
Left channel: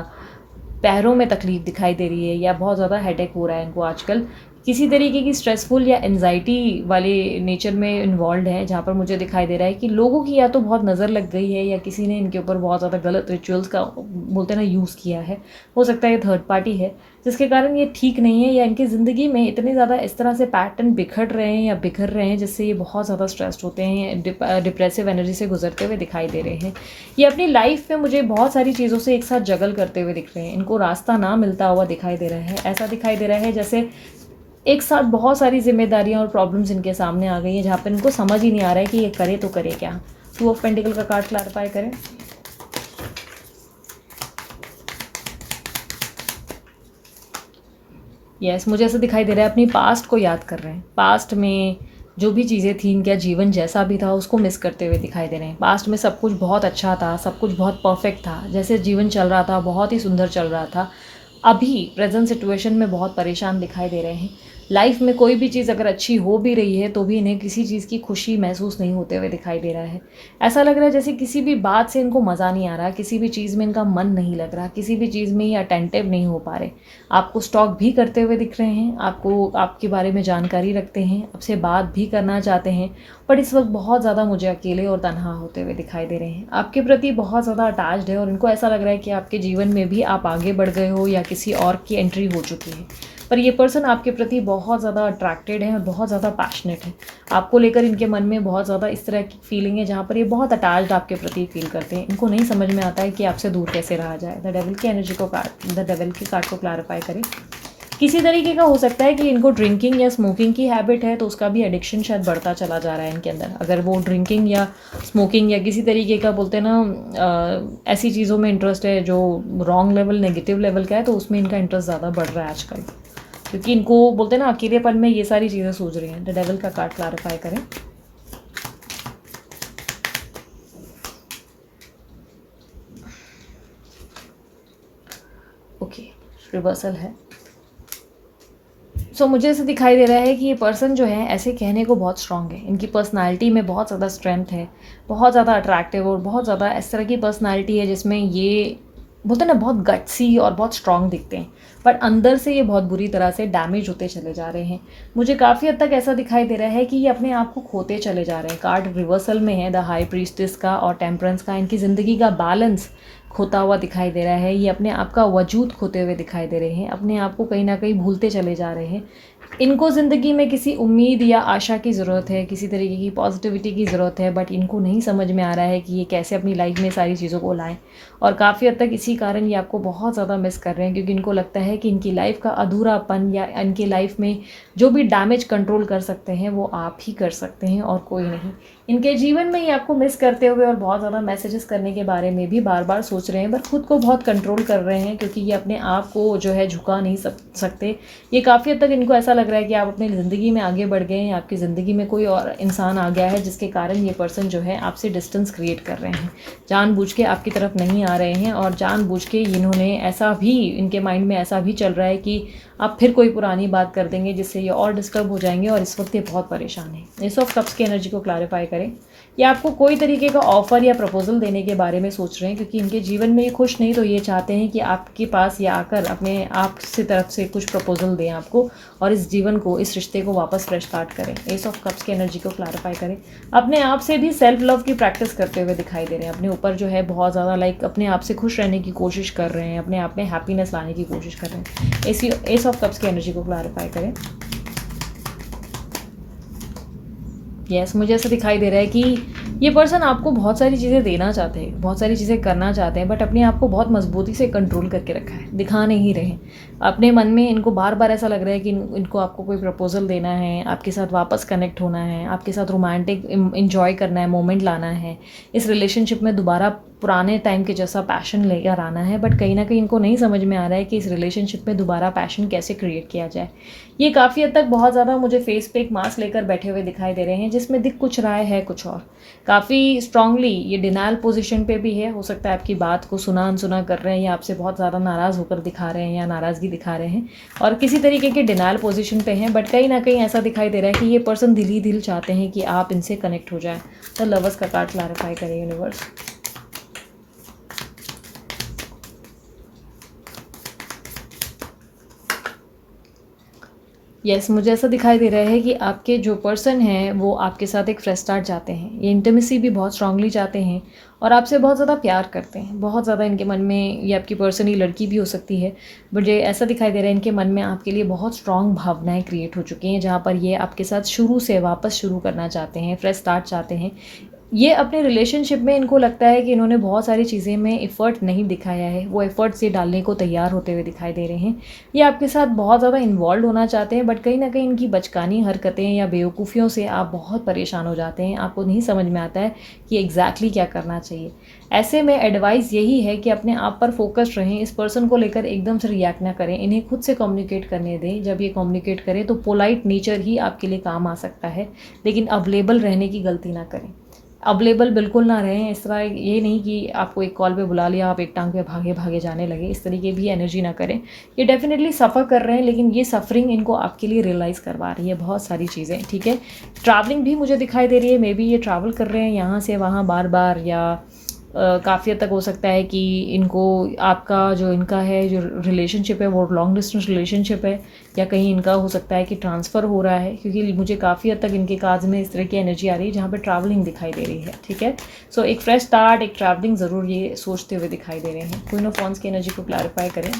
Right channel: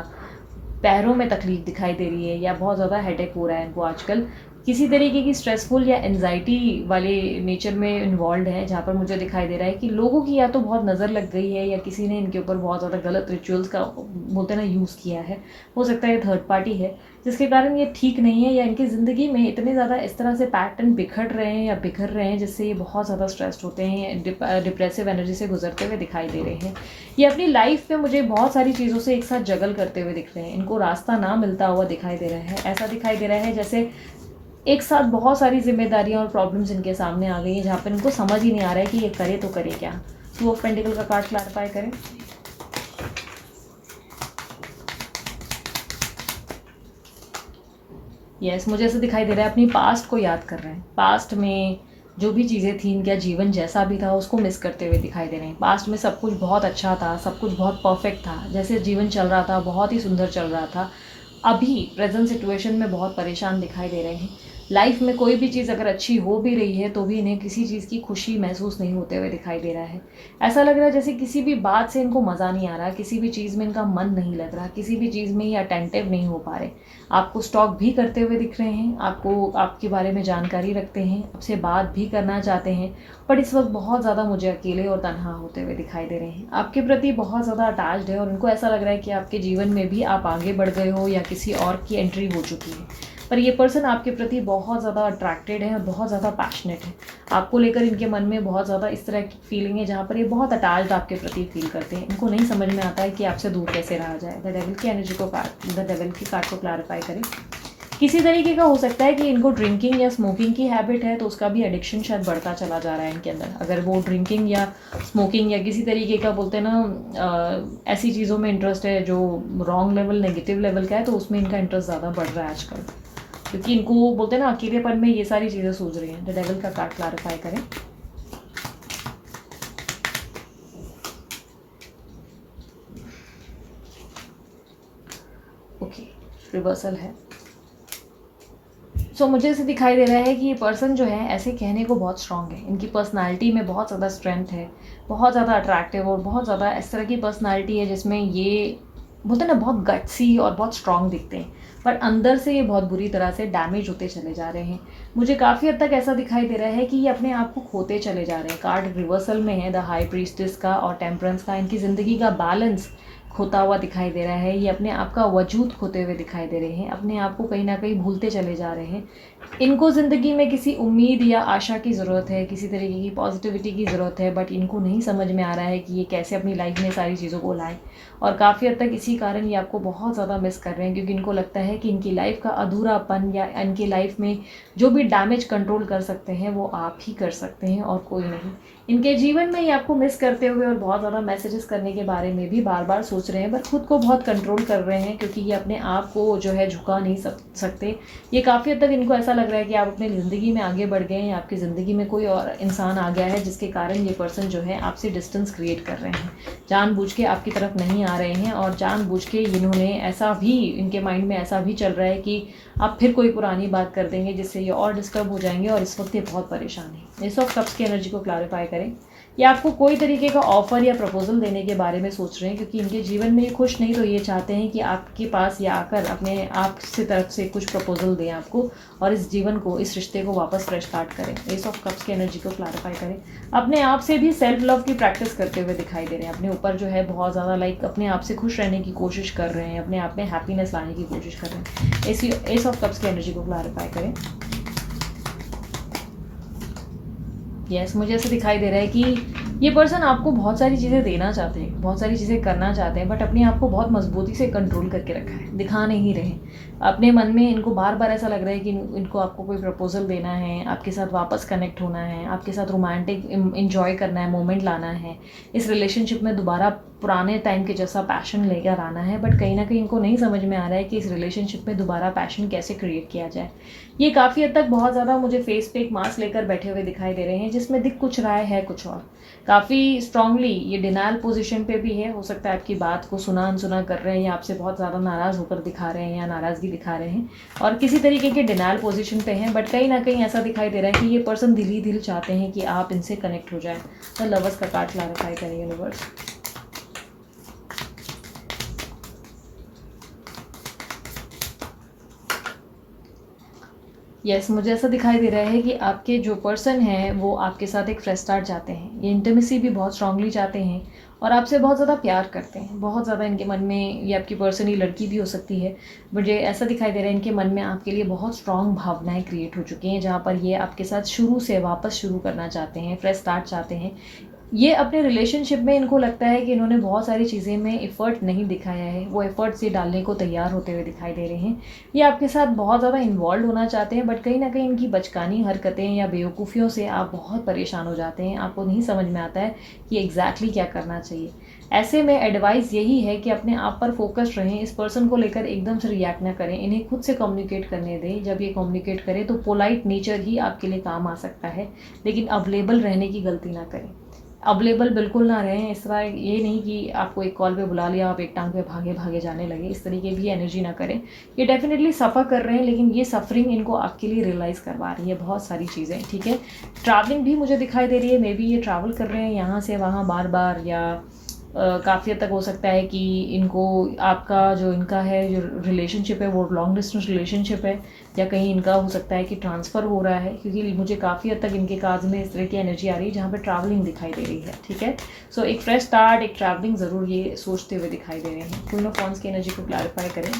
पैरों में तकलीफ दिखाई दे रही है, या बहुत ज़्यादा हेडेक हो रहा है इनको आजकल। किसी तरीके की स्ट्रेसफुल या एनजाइटी वाले नेचर में इन्वॉल्व है, जहाँ पर मुझे दिखाई दे रहा है कि लोगों की या तो बहुत नज़र लग गई है, या किसी ने इनके ऊपर बहुत ज़्यादा गलत रिचुअल्स का बोलते हैं ना यूज़ किया है। हो सकता है ये थर्ड पार्टी है जिसके कारण ये ठीक नहीं है, या इनकी ज़िंदगी में इतने ज़्यादा इस तरह से पैटर्न बिखर रहे हैं या बिखर रहे हैं जिससे ये बहुत ज़्यादा स्ट्रेस्ड होते हैं, डिप्रेसिव एनर्जी से गुजरते हुए दिखाई दे रहे हैं। ये अपनी लाइफ में मुझे बहुत सारी चीज़ों से एक साथ जगल करते हुए दिख रहे हैं, इनको रास्ता ना मिलता हुआ दिखाई दे रहा है। ऐसा दिखाई दे रहा है जैसे एक साथ बहुत सारी जिम्मेदारियां और प्रॉब्लम्स इनके सामने आ गई हैं, जहाँ पर इनको समझ ही नहीं आ रहा है कि ये करे तो करे क्या। 2 ऑफ पेंटिकल का कार्ड क्लैरिफाई करें। यस, मुझे ऐसा दिखाई दे रहा है अपनी पास्ट को याद कर रहे हैं, पास्ट में जो भी चीज़ें थी, इनका जीवन जैसा भी था उसको मिस करते हुए दिखाई दे रहे हैं। पास्ट में सब कुछ बहुत अच्छा था, सब कुछ बहुत परफेक्ट था, जैसे जीवन चल रहा था बहुत ही सुंदर चल रहा था। अभी प्रेजेंट सिचुएशन में बहुत परेशान दिखाई दे रहे हैं। लाइफ में कोई भी चीज़ अगर अच्छी हो भी रही है तो भी इन्हें किसी चीज़ की खुशी महसूस नहीं होते हुए दिखाई दे रहा है। ऐसा लग रहा है जैसे किसी भी बात से इनको मज़ा नहीं आ रहा, किसी भी चीज़ में इनका मन नहीं लग रहा, किसी भी चीज़ में ये अटेंटिव नहीं हो पा रहे। आपको स्टॉक भी करते हुए दिख रहे हैं, आपको आपके बारे में जानकारी रखते हैं, आपसे बात भी करना चाहते हैं, बट इस वक्त बहुत ज़्यादा मुझे अकेले और तन्हा होते हुए दिखाई दे रहे हैं। आपके प्रति बहुत ज़्यादा अटैच्ड है, और उनको ऐसा लग रहा है कि आपके जीवन में भी आप आगे बढ़ गए हो या किसी और की एंट्री हो चुकी है। पर ये पर्सन आपके प्रति बहुत ज़्यादा अट्रैक्टेड है और बहुत ज़्यादा पैशनेट है। आपको लेकर इनके मन में बहुत ज़्यादा इस तरह की फीलिंग है, जहाँ पर ये बहुत अटैच्ड आपके प्रति फील करते हैं। इनको नहीं समझ में आता है कि आपसे दूर कैसे रहा जाए। द डेविल की एनर्जी को द डेविल की कार्ड को क्लैरिफाई करें। किसी तरीके का हो सकता है कि इनको ड्रिंकिंग या स्मोकिंग की हैबिट है, तो उसका भी एडिक्शन शायद बढ़ता चला जा रहा है इनके अंदर। अगर वो ड्रिंकिंग या स्मोकिंग या किसी तरीके का बोलते हैं ना ऐसी चीज़ों में इंटरेस्ट है जो रॉन्ग लेवल, नेगेटिव लेवल का है, तो उसमें इनका इंटरेस्ट ज़्यादा बढ़ रहा है आजकल, क्योंकि इनको बोलते हैं ना अकेलेपन में ये सारी चीज़ें सूझ रही हैं। द डेविल का कार्ड क्लैरिफाई करें। ओके, रिवर्सल है। मुझे ऐसे दिखाई दे रहा है कि ये पर्सन जो है ऐसे कहने को बहुत स्ट्रांग है, इनकी पर्सनालिटी में बहुत ज़्यादा स्ट्रेंथ है, बहुत ज़्यादा अट्रैक्टिव और बहुत ज़्यादा इस तरह की पर्सनालिटी है जिसमें ये बोलते हैं ना बहुत गट्सी और बहुत स्ट्रांग दिखते हैं, पर अंदर से ये बहुत बुरी तरह से डैमेज होते चले जा रहे हैं। मुझे काफ़ी हद तक ऐसा दिखाई दे रहा है कि ये अपने आप को खोते चले जा रहे हैं। कार्ड रिवर्सल में है द हाई प्रीस्टेस का और टेम्परेंस का। इनकी ज़िंदगी का बैलेंस खोता हुआ दिखाई दे रहा है, ये अपने आप का वजूद खोते हुए दिखाई दे रहे हैं, अपने आप को कहीं ना कहीं भूलते चले जा रहे हैं। इनको ज़िंदगी में किसी उम्मीद या आशा की ज़रूरत है, किसी तरीके की पॉजिटिविटी की ज़रूरत है, बट इनको नहीं समझ में आ रहा है कि ये कैसे अपनी लाइफ में सारी चीज़ों को लाएं। और काफ़ी हद तक इसी कारण ये आपको बहुत ज़्यादा मिस कर रहे हैं, क्योंकि इनको लगता है कि इनकी लाइफ का अधूरापन या इनकी लाइफ में जो भी डैमेज कंट्रोल कर सकते हैं वो आप ही कर सकते हैं और कोई नहीं। इनके जीवन में ये आपको मिस करते हुए और बहुत ज़्यादा मैसेजेस करने के बारे में भी बार बार सोच रहे हैं, बट खुद को बहुत कंट्रोल कर रहे हैं, क्योंकि ये अपने आप को जो है झुका नहीं सकते। ये काफ़ी हद तक इनको ऐसा लग रहा है कि आप अपनी ज़िंदगी में आगे बढ़ गए हैं, आपकी ज़िंदगी में कोई और इंसान आ गया है जिसके कारण ये पर्सन जो है आपसे डिस्टेंस क्रिएट कर रहे हैं, जानबूझ के आपकी तरफ नहीं आ रहे हैं। और जानबूझ के इन्होंने ऐसा भी, इनके माइंड में ऐसा भी चल रहा है कि आप फिर कोई पुरानी बात कर देंगे जिससे ये और डिस्टर्ब हो जाएंगे, और इस वक्त ये बहुत परेशान है। एस ऑफ कप्स की एनर्जी को क्लैरिफाई करें। ये आपको कोई तरीके का ऑफर या प्रपोजल देने के बारे में सोच रहे हैं, क्योंकि इनके जीवन में ये खुश नहीं, तो ये चाहते हैं कि आपके पास ये आकर अपने आप से तरफ से कुछ प्रपोजल दें आपको, और इस जीवन को, इस रिश्ते को वापस फ्रेश स्टार्ट करें। एस ऑफ कप्स की एनर्जी को क्लैरिफाई करें। अपने आप से भी सेल्फ लव की प्रैक्टिस करते हुए दिखाई दे रहे हैं, अपने ऊपर जो है बहुत ज़्यादा अपने आप से खुश रहने की कोशिश कर रहे हैं, अपने आप में हैप्पीनेस लाने की कोशिश कर रहे हैं। एस ऑफ कप्स की एनर्जी को क्लैरिफाई करें। यस, मुझे ऐसा दिखाई दे रहा है कि ये पर्सन आपको बहुत सारी चीज़ें देना चाहते हैं, बहुत सारी चीज़ें करना चाहते हैं, बट अपने आप को बहुत मजबूती से कंट्रोल करके रखा है, दिखा नहीं रहे। अपने मन में इनको बार बार ऐसा लग रहा है कि इनको आपको कोई प्रपोजल देना है, आपके साथ वापस कनेक्ट होना है, आपके साथ रोमांटिक इंजॉय करना है, मोमेंट लाना है, इस रिलेशनशिप में दोबारा पुराने टाइम के जैसा पैशन लेकर आना है। बट कहीं ना कहीं इनको नहीं समझ में आ रहा है कि इस रिलेशनशिप में दोबारा पैशन कैसे क्रिएट किया जाए। ये काफ़ी हद तक बहुत ज़्यादा मुझे फेस पे एक मास्क लेकर बैठे हुए दिखाई दे रहे हैं, जिसमें दिख कुछ रहा है कुछ और। काफ़ी स्ट्रांगली ये डिनायल पोजीशन पे भी है। हो सकता है आपकी बात को सुना अनसुना कर रहे हैं, या आपसे बहुत ज़्यादा नाराज़ होकर दिखा रहे हैं, या नाराज़गी दिखा रहे हैं, और किसी तरीके के डिनायल पोजीशन पे हैं। बट कहीं ना कहीं ऐसा दिखाई दे रहा है कि ये पर्सन दिल ही दिल चाहते हैं कि आप इनसे कनेक्ट हो जाए। तो लवर्स का कार्ड क्लैरिफाई करें यूनिवर्स। यस, मुझे ऐसा दिखाई दे रहा है कि आपके जो पर्सन हैं वो आपके साथ एक फ्रेश स्टार्ट चाहते हैं। ये इंटीमेसी भी बहुत स्ट्रांगली चाहते हैं और आपसे बहुत ज़्यादा प्यार करते हैं। बहुत ज़्यादा इनके मन में, ये आपकी पर्सन, ये लड़की भी हो सकती है, मुझे ऐसा दिखाई दे रहा है इनके मन में आपके लिए बहुत स्ट्रांग भावनाएं क्रिएट हो चुकी हैं, जहाँ पर ये आपके साथ शुरू से वापस शुरू करना चाहते हैं, फ्रेश स्टार्ट चाहते हैं। ये अपने रिलेशनशिप में, इनको लगता है कि इन्होंने बहुत सारी चीज़ें में एफ़र्ट नहीं दिखाया है, वो एफ़र्ट से डालने को तैयार होते हुए दिखाई दे रहे हैं। ये आपके साथ बहुत ज़्यादा इन्वॉल्व होना चाहते हैं, बट कहीं ना कहीं इनकी बचकानी हरकतें या बेवकूफ़ियों से आप बहुत परेशान हो जाते हैं। आपको नहीं समझ में आता है कि एग्जैक्टली क्या करना चाहिए। ऐसे में एडवाइस यही है कि अपने आप पर फोकस रहें, इस पर्सन को लेकर एकदम से रिएक्ट ना करें, इन्हें खुद से कम्युनिकेट करने दें। जब ये कम्युनिकेट करें तो पोलाइट नेचर ही आपके लिए काम आ सकता है, लेकिन अवेलेबल रहने की गलती ना करें। अवेलेबल बिल्कुल ना रहें। इस तरह ये नहीं कि आपको एक कॉल पे बुला लिया, आप एक टांग पे भागे भागे जाने लगे, इस तरीके भी एनर्जी ना करें। ये डेफिनेटली सफ़र कर रहे हैं, लेकिन ये सफरिंग इनको आपके लिए रियलाइज़ करवा रही है बहुत सारी चीज़ें। ठीक है, ट्रैवलिंग भी मुझे दिखाई दे रही है। मे बी ये ट्रैवल कर रहे हैं यहाँ से वहाँ बार बार, या काफ़ी हद तक हो सकता है कि इनको आपका जो इनका है जो रिलेशनशिप है वो लॉन्ग डिस्टेंस रिलेशनशिप है, या कहीं इनका हो सकता है कि ट्रांसफ़र हो रहा है, क्योंकि मुझे काफ़ी हद तक इनके कार्ड्स में इस तरह की एनर्जी आ रही है जहाँ पे ट्रैवलिंग दिखाई दे रही है। ठीक है, सो एक फ्रेश स्टार्ट, एक ट्रैवलिंग ज़रूर ये सोचते हुए दिखाई दे रहे हैं। क्वीन ऑफ वांड्स की एनर्जी को क्लैरिफाई करें।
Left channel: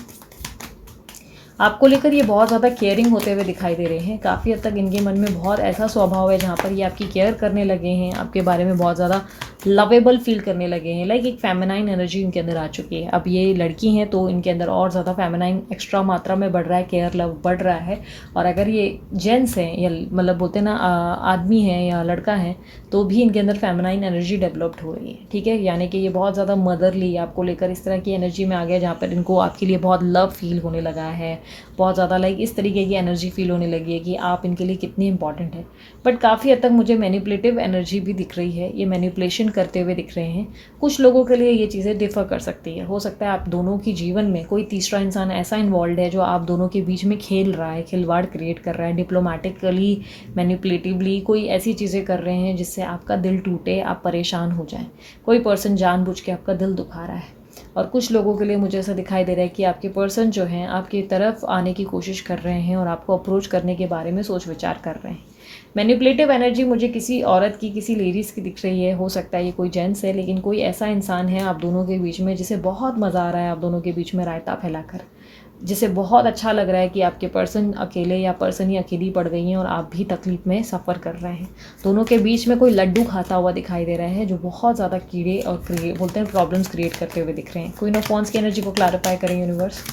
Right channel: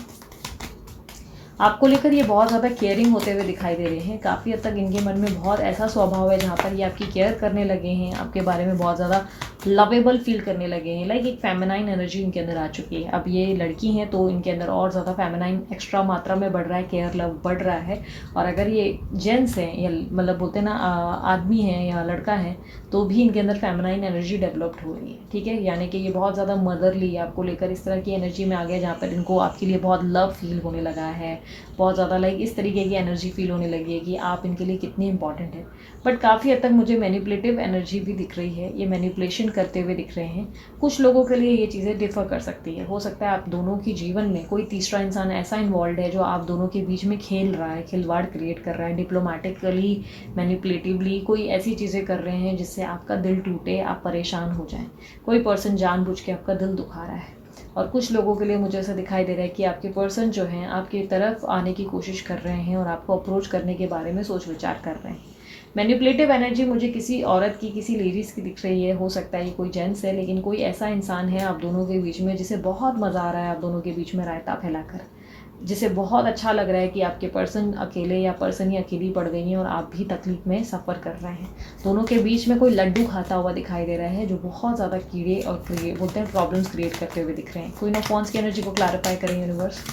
आपको लेकर ये बहुत ज़्यादा केयरिंग होते हुए दिखाई दे रहे हैं। काफ़ी हद तक इनके मन में बहुत ऐसा स्वभाव है जहाँ पर ये आपकी केयर करने लगे हैं, आपके बारे में बहुत ज़्यादा लवेबल फील करने लगे हैं। लाइक एक फेमिनाइन एनर्जी इनके अंदर आ चुकी है। अब ये लड़की हैं तो इनके अंदर और ज़्यादा फेमिनाइन एक्स्ट्रा मात्रा में बढ़ रहा है, केयर लव बढ़ रहा है। और अगर ये जेंट्स हैं, या मतलब बोलते हैं ना आदमी है या लड़का है, तो भी इनके अंदर फेमिनाइन एनर्जी डेवलप्ड हो रही है। ठीक है, यानी कि ये बहुत ज़्यादा मदरली आपको लेकर इस तरह की एनर्जी में आ गया, जहाँ पर इनको आपके लिए बहुत लव फील होने लगा है, बहुत ज़्यादा लाइक इस तरीके की एनर्जी फील होने लगी है कि आप इनके लिए कितनी इंपॉर्टेंट है। बट काफ़ी हद तक मुझे मैनिपुलेटिव एनर्जी भी दिख रही है, ये मैनिपुलेशन करते हुए दिख रहे हैं। कुछ लोगों के लिए ये चीज़ें डिफ़र कर सकती है। हो सकता है आप दोनों की जीवन में कोई तीसरा इंसान ऐसा इन्वॉल्व है जो आप दोनों के बीच में खेल रहा है, खिलवाड़ क्रिएट कर रहा है, डिप्लोमेटिकली मैनिपुलेटिवली कोई ऐसी चीज़ें कर रहे हैं जिससे आपका दिल टूटे, आप परेशान हो जाएं। कोई पर्सन जानबूझ के आपका दिल दुखा रहा है। और कुछ लोगों के लिए मुझे ऐसा दिखाई दे रहा है कि आपके पर्सन जो हैं आपकी तरफ आने की कोशिश कर रहे हैं और आपको अप्रोच करने के बारे में सोच विचार कर रहे हैं। मैनिपुलेटिव एनर्जी मुझे किसी औरत की, किसी लेडीज़ की दिख रही है। हो सकता है ये कोई जेंट्स है, लेकिन कोई ऐसा इंसान है आप दोनों के बीच में जिसे बहुत मज़ा आ रहा है आप दोनों के बीच में रायता फैलाकर, जिसे बहुत अच्छा लग रहा है कि आपके पर्सन अकेले या पर्सन ही अकेली पड़ गई हैं और आप भी तकलीफ में सफ़र कर रहे हैं। दोनों के बीच में कोई लड्डू खाता हुआ दिखाई दे रहा है जो बहुत ज़्यादा कीड़े और बोलते हैं प्रॉब्लम्स क्रिएट करते हुए दिख रहे हैं। क्वीन ऑफ वांड्स की एनर्जी को क्लैरिफाई करें यूनिवर्स।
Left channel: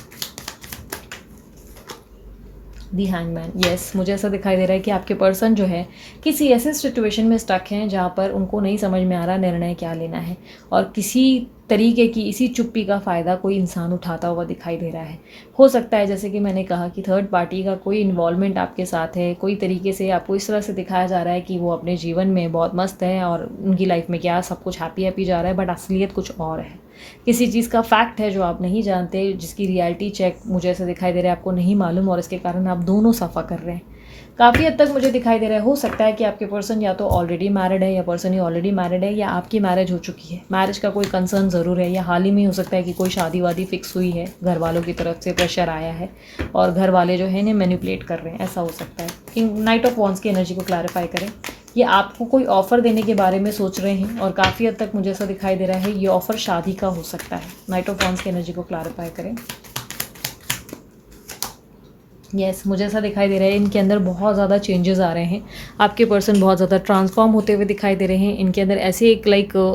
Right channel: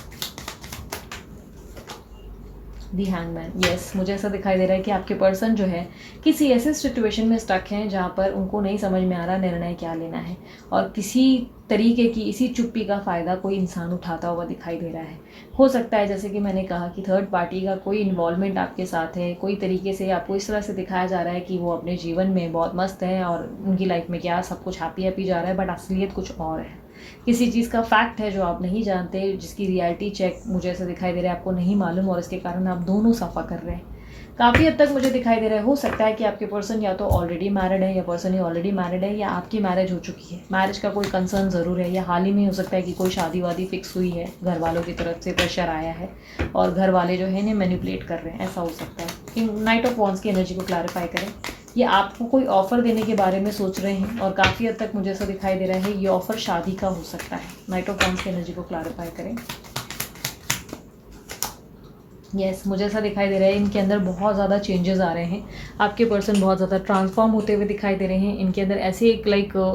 दी हैंगमैन, यस, मुझे ऐसा दिखाई दे रहा है कि आपके पर्सन जो है किसी ऐसे सिचुएशन में स्टक हैं जहाँ पर उनको नहीं समझ में आ रहा निर्णय क्या लेना है, और किसी तरीके की इसी चुप्पी का फ़ायदा कोई इंसान उठाता हुआ दिखाई दे रहा है। हो सकता है जैसे कि मैंने कहा कि थर्ड पार्टी का कोई इन्वॉल्वमेंट आपके साथ है, कोई तरीके से आपको इस तरह से दिखाया जा रहा है कि वो अपने जीवन में बहुत मस्त है और उनकी लाइफ में क्या सब कुछ हैप्पी हैप्पी जा रहा है, बट असलियत कुछ और है। किसी चीज़ का फैक्ट है जो आप नहीं जानते, जिसकी रियलिटी चेक मुझे ऐसा दिखाई दे रहा है आपको नहीं मालूम, और इसके कारण आप दोनों सफ़ा कर रहे हैं। काफ़ी हद तक मुझे दिखाई दे रहा है हो सकता है कि आपके पर्सन या तो ऑलरेडी मैरिड है या पर्सन ही ऑलरेडी मैरिड है, या आपकी मैरिज हो चुकी है, मैरिज का कोई कंसर्न ज़रूर है, या हाल ही में हो सकता है कि कोई शादी वादी फिक्स हुई है, घर वालों की तरफ से प्रेशर आया है और घर वाले जो है इन्हें मैनिपुलेट कर रहे हैं, ऐसा हो सकता है। कि नाइट ऑफ वॉन्ड्स की एनर्जी को क्लैरिफाई करें। ये आपको कोई ऑफ़र देने के बारे में सोच रहे हैं और काफ़ी हद तक मुझे ऐसा दिखाई दे रहा है ये ऑफ़र शादी का हो सकता है। नाइट ऑफ वॉन्ड्स की एनर्जी को क्लैरिफाई करें। यस, मुझे ऐसा दिखाई दे रहा है इनके अंदर बहुत ज़्यादा चेंजेस आ रहे हैं। आपके पर्सन बहुत ज़्यादा ट्रांसफॉर्म होते हुए दिखाई दे रहे हैं। इनके अंदर ऐसी एक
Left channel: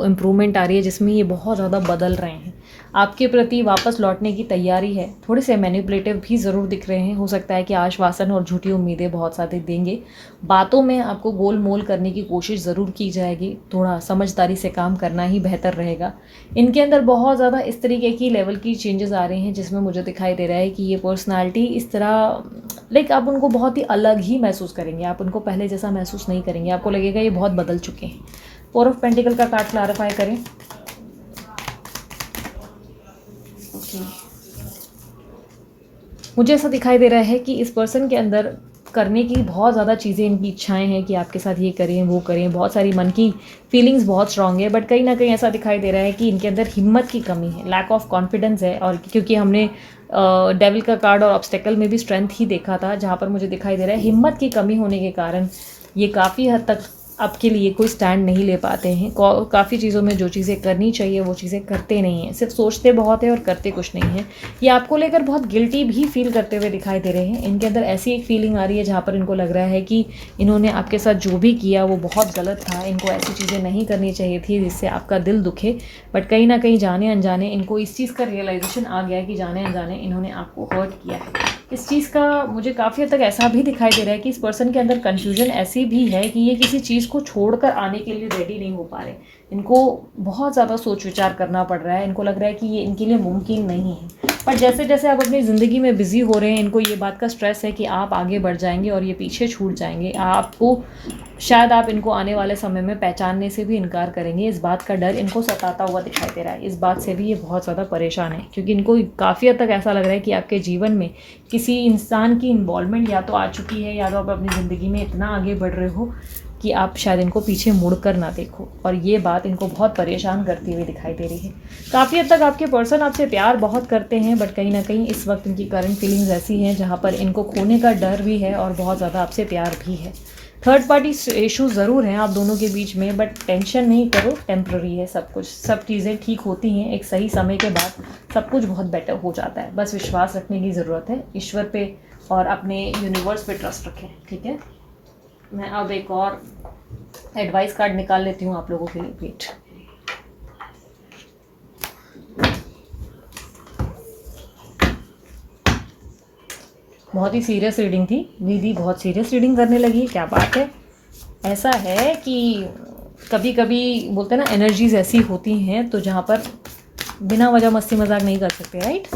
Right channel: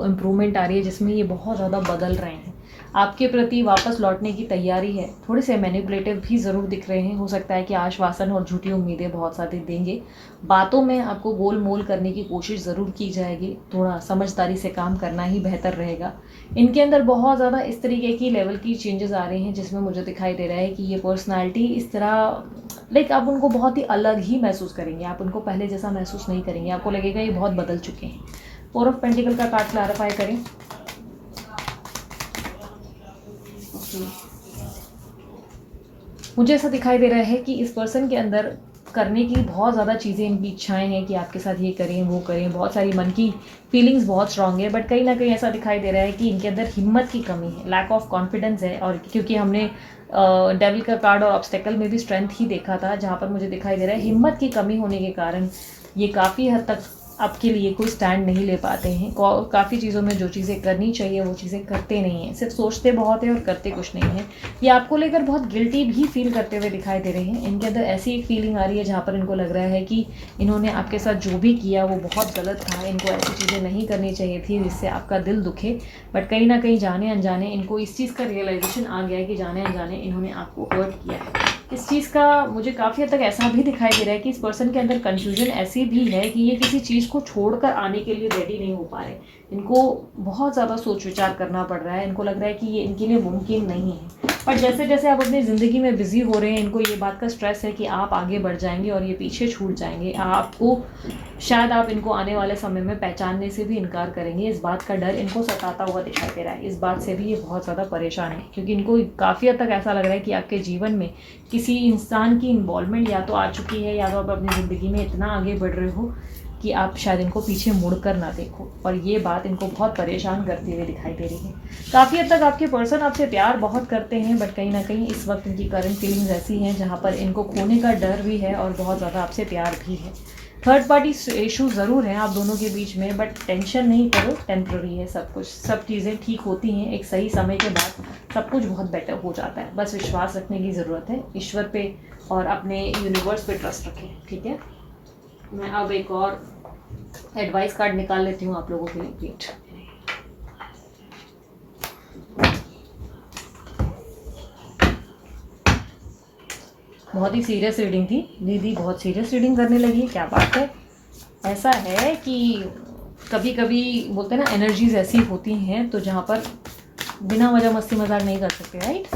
इम्प्रूवमेंट आ रही है जिसमें ये बहुत ज़्यादा बदल रहे हैं, आपके प्रति वापस लौटने की तैयारी है। थोड़े से मैनिपुलेटिव भी ज़रूर दिख रहे हैं। हो सकता है कि आश्वासन और झूठी उम्मीदें बहुत सारे देंगे, बातों में आपको गोल मोल करने की कोशिश ज़रूर की जाएगी। थोड़ा समझदारी से काम करना ही बेहतर रहेगा। इनके अंदर बहुत ज़्यादा इस तरीके की लेवल की चेंजेस आ रहे हैं जिसमें मुझे दिखाई दे रहा है कि ये पर्सनालिटी इस तरह आप उनको बहुत ही अलग ही महसूस करेंगे, आप उनको पहले जैसा महसूस नहीं करेंगे, आपको लगेगा ये बहुत बदल चुके हैं। 4 ऑफ पेंटिकल का कार्ड क्लैरिफाई करें। मुझे ऐसा दिखाई दे रहा है कि इस पर्सन के अंदर करने की बहुत ज़्यादा चीज़ें, इनकी इच्छाएं हैं कि आपके साथ ये करें वो करें, बहुत सारी मन की फीलिंग्स बहुत स्ट्रांग है, बट कहीं ना कहीं ऐसा दिखाई दे रहा है कि इनके अंदर हिम्मत की कमी है, लैक ऑफ कॉन्फिडेंस है। और क्योंकि हमने डेविल का कार्ड और ऑब्स्टेकल में भी स्ट्रेंथ ही देखा था, जहाँ पर मुझे दिखाई दे रहा है हिम्मत की कमी होने के कारण ये काफ़ी हद तक आपके लिए कोई स्टैंड नहीं ले पाते हैं। काफ़ी चीज़ों में जो चीज़ें करनी चाहिए वो चीज़ें करते नहीं हैं, सिर्फ सोचते बहुत है और करते कुछ नहीं है। ये आपको लेकर बहुत गिल्टी भी फील करते हुए दिखाई दे रहे हैं। इनके अंदर ऐसी एक फीलिंग आ रही है जहाँ पर इनको लग रहा है कि इन्होंने आपके साथ जो भी किया वो बहुत गलत था, इनको ऐसी चीज़ें नहीं करनी चाहिए थी जिससे आपका दिल दुखे। बट कहीं ना कहीं जाने अनजाने इनको इस चीज़ का रियलाइजेशन आ गया है कि जाने अनजाने इन्होंने आपको हर्ट किया है। इस चीज़ का मुझे काफ़ी हद तक ऐसा भी दिखाई दे रहा है कि इस पर्सन के अंदर कन्फ्यूजन ऐसी भी है कि ये किसी चीज़ को छोड़कर आने के लिए रेडी नहीं हो पा रहे। इनको बहुत ज़्यादा सोच विचार करना पड़ रहा है, इनको लग रहा है कि ये इनके लिए मुमकिन नहीं है। पर जैसे जैसे आप अपनी ज़िंदगी में बिज़ी हो रहे हैं, इनको ये बात का स्ट्रेस है कि आप आगे बढ़ जाएंगे और ये पीछे छूट जाएंगे। आपको शायद आप इनको आने वाले समय में पहचानने से भी इनकार करेंगे। इस बात का डर इनको सताता हुआ दिखाई दे रहा है। इस बात से भी ये बहुत ज़्यादा परेशान है क्योंकि इनको काफ़ी हद तक ऐसा लग रहा है कि आपके जीवन में किसी इंसान की इन्वॉल्वमेंट या तो आ चुकी है, या तो आप अपनी ज़िंदगी में इतना आगे बढ़ रहे हो कि आप शायद इनको पीछे मुड़कर ना देखो, और ये बात इनको बहुत परेशान करती हुई दिखाई दे रही है। काफ़ी हद तक आपके पर्सन आपसे प्यार बहुत करते हैं, बट कहीं ना कहीं इस वक्त इनकी करंट फीलिंग्स ऐसी हैं जहाँ पर इनको खोने का डर भी है और बहुत ज़्यादा आपसे प्यार भी है। थर्ड पार्टी इशू ज़रूर हैं आप दोनों के बीच में, बट टेंशन नहीं करो, टेम्प्ररी है सब कुछ, सब चीज़ें ठीक होती हैं एक सही समय के बाद, सब कुछ बहुत बेटर हो जाता है। बस विश्वास रखने की ज़रूरत है, ईश्वर पे और अपने यूनिवर्स पे ट्रस्ट रखें, ठीक है। मैं अब एक और एडवाइस कार्ड निकाल लेती हूँ आप लोगों के लिए। वेट, बहुत ही सीरियस रीडिंग थी दीदी, बहुत सीरियस रीडिंग करने लगी, क्या बात है। ऐसा है कि कभी कभी बोलते हैं ना एनर्जीज ऐसी होती हैं तो जहाँ पर बिना वजह मस्ती मजाक नहीं कर सकते, राइट।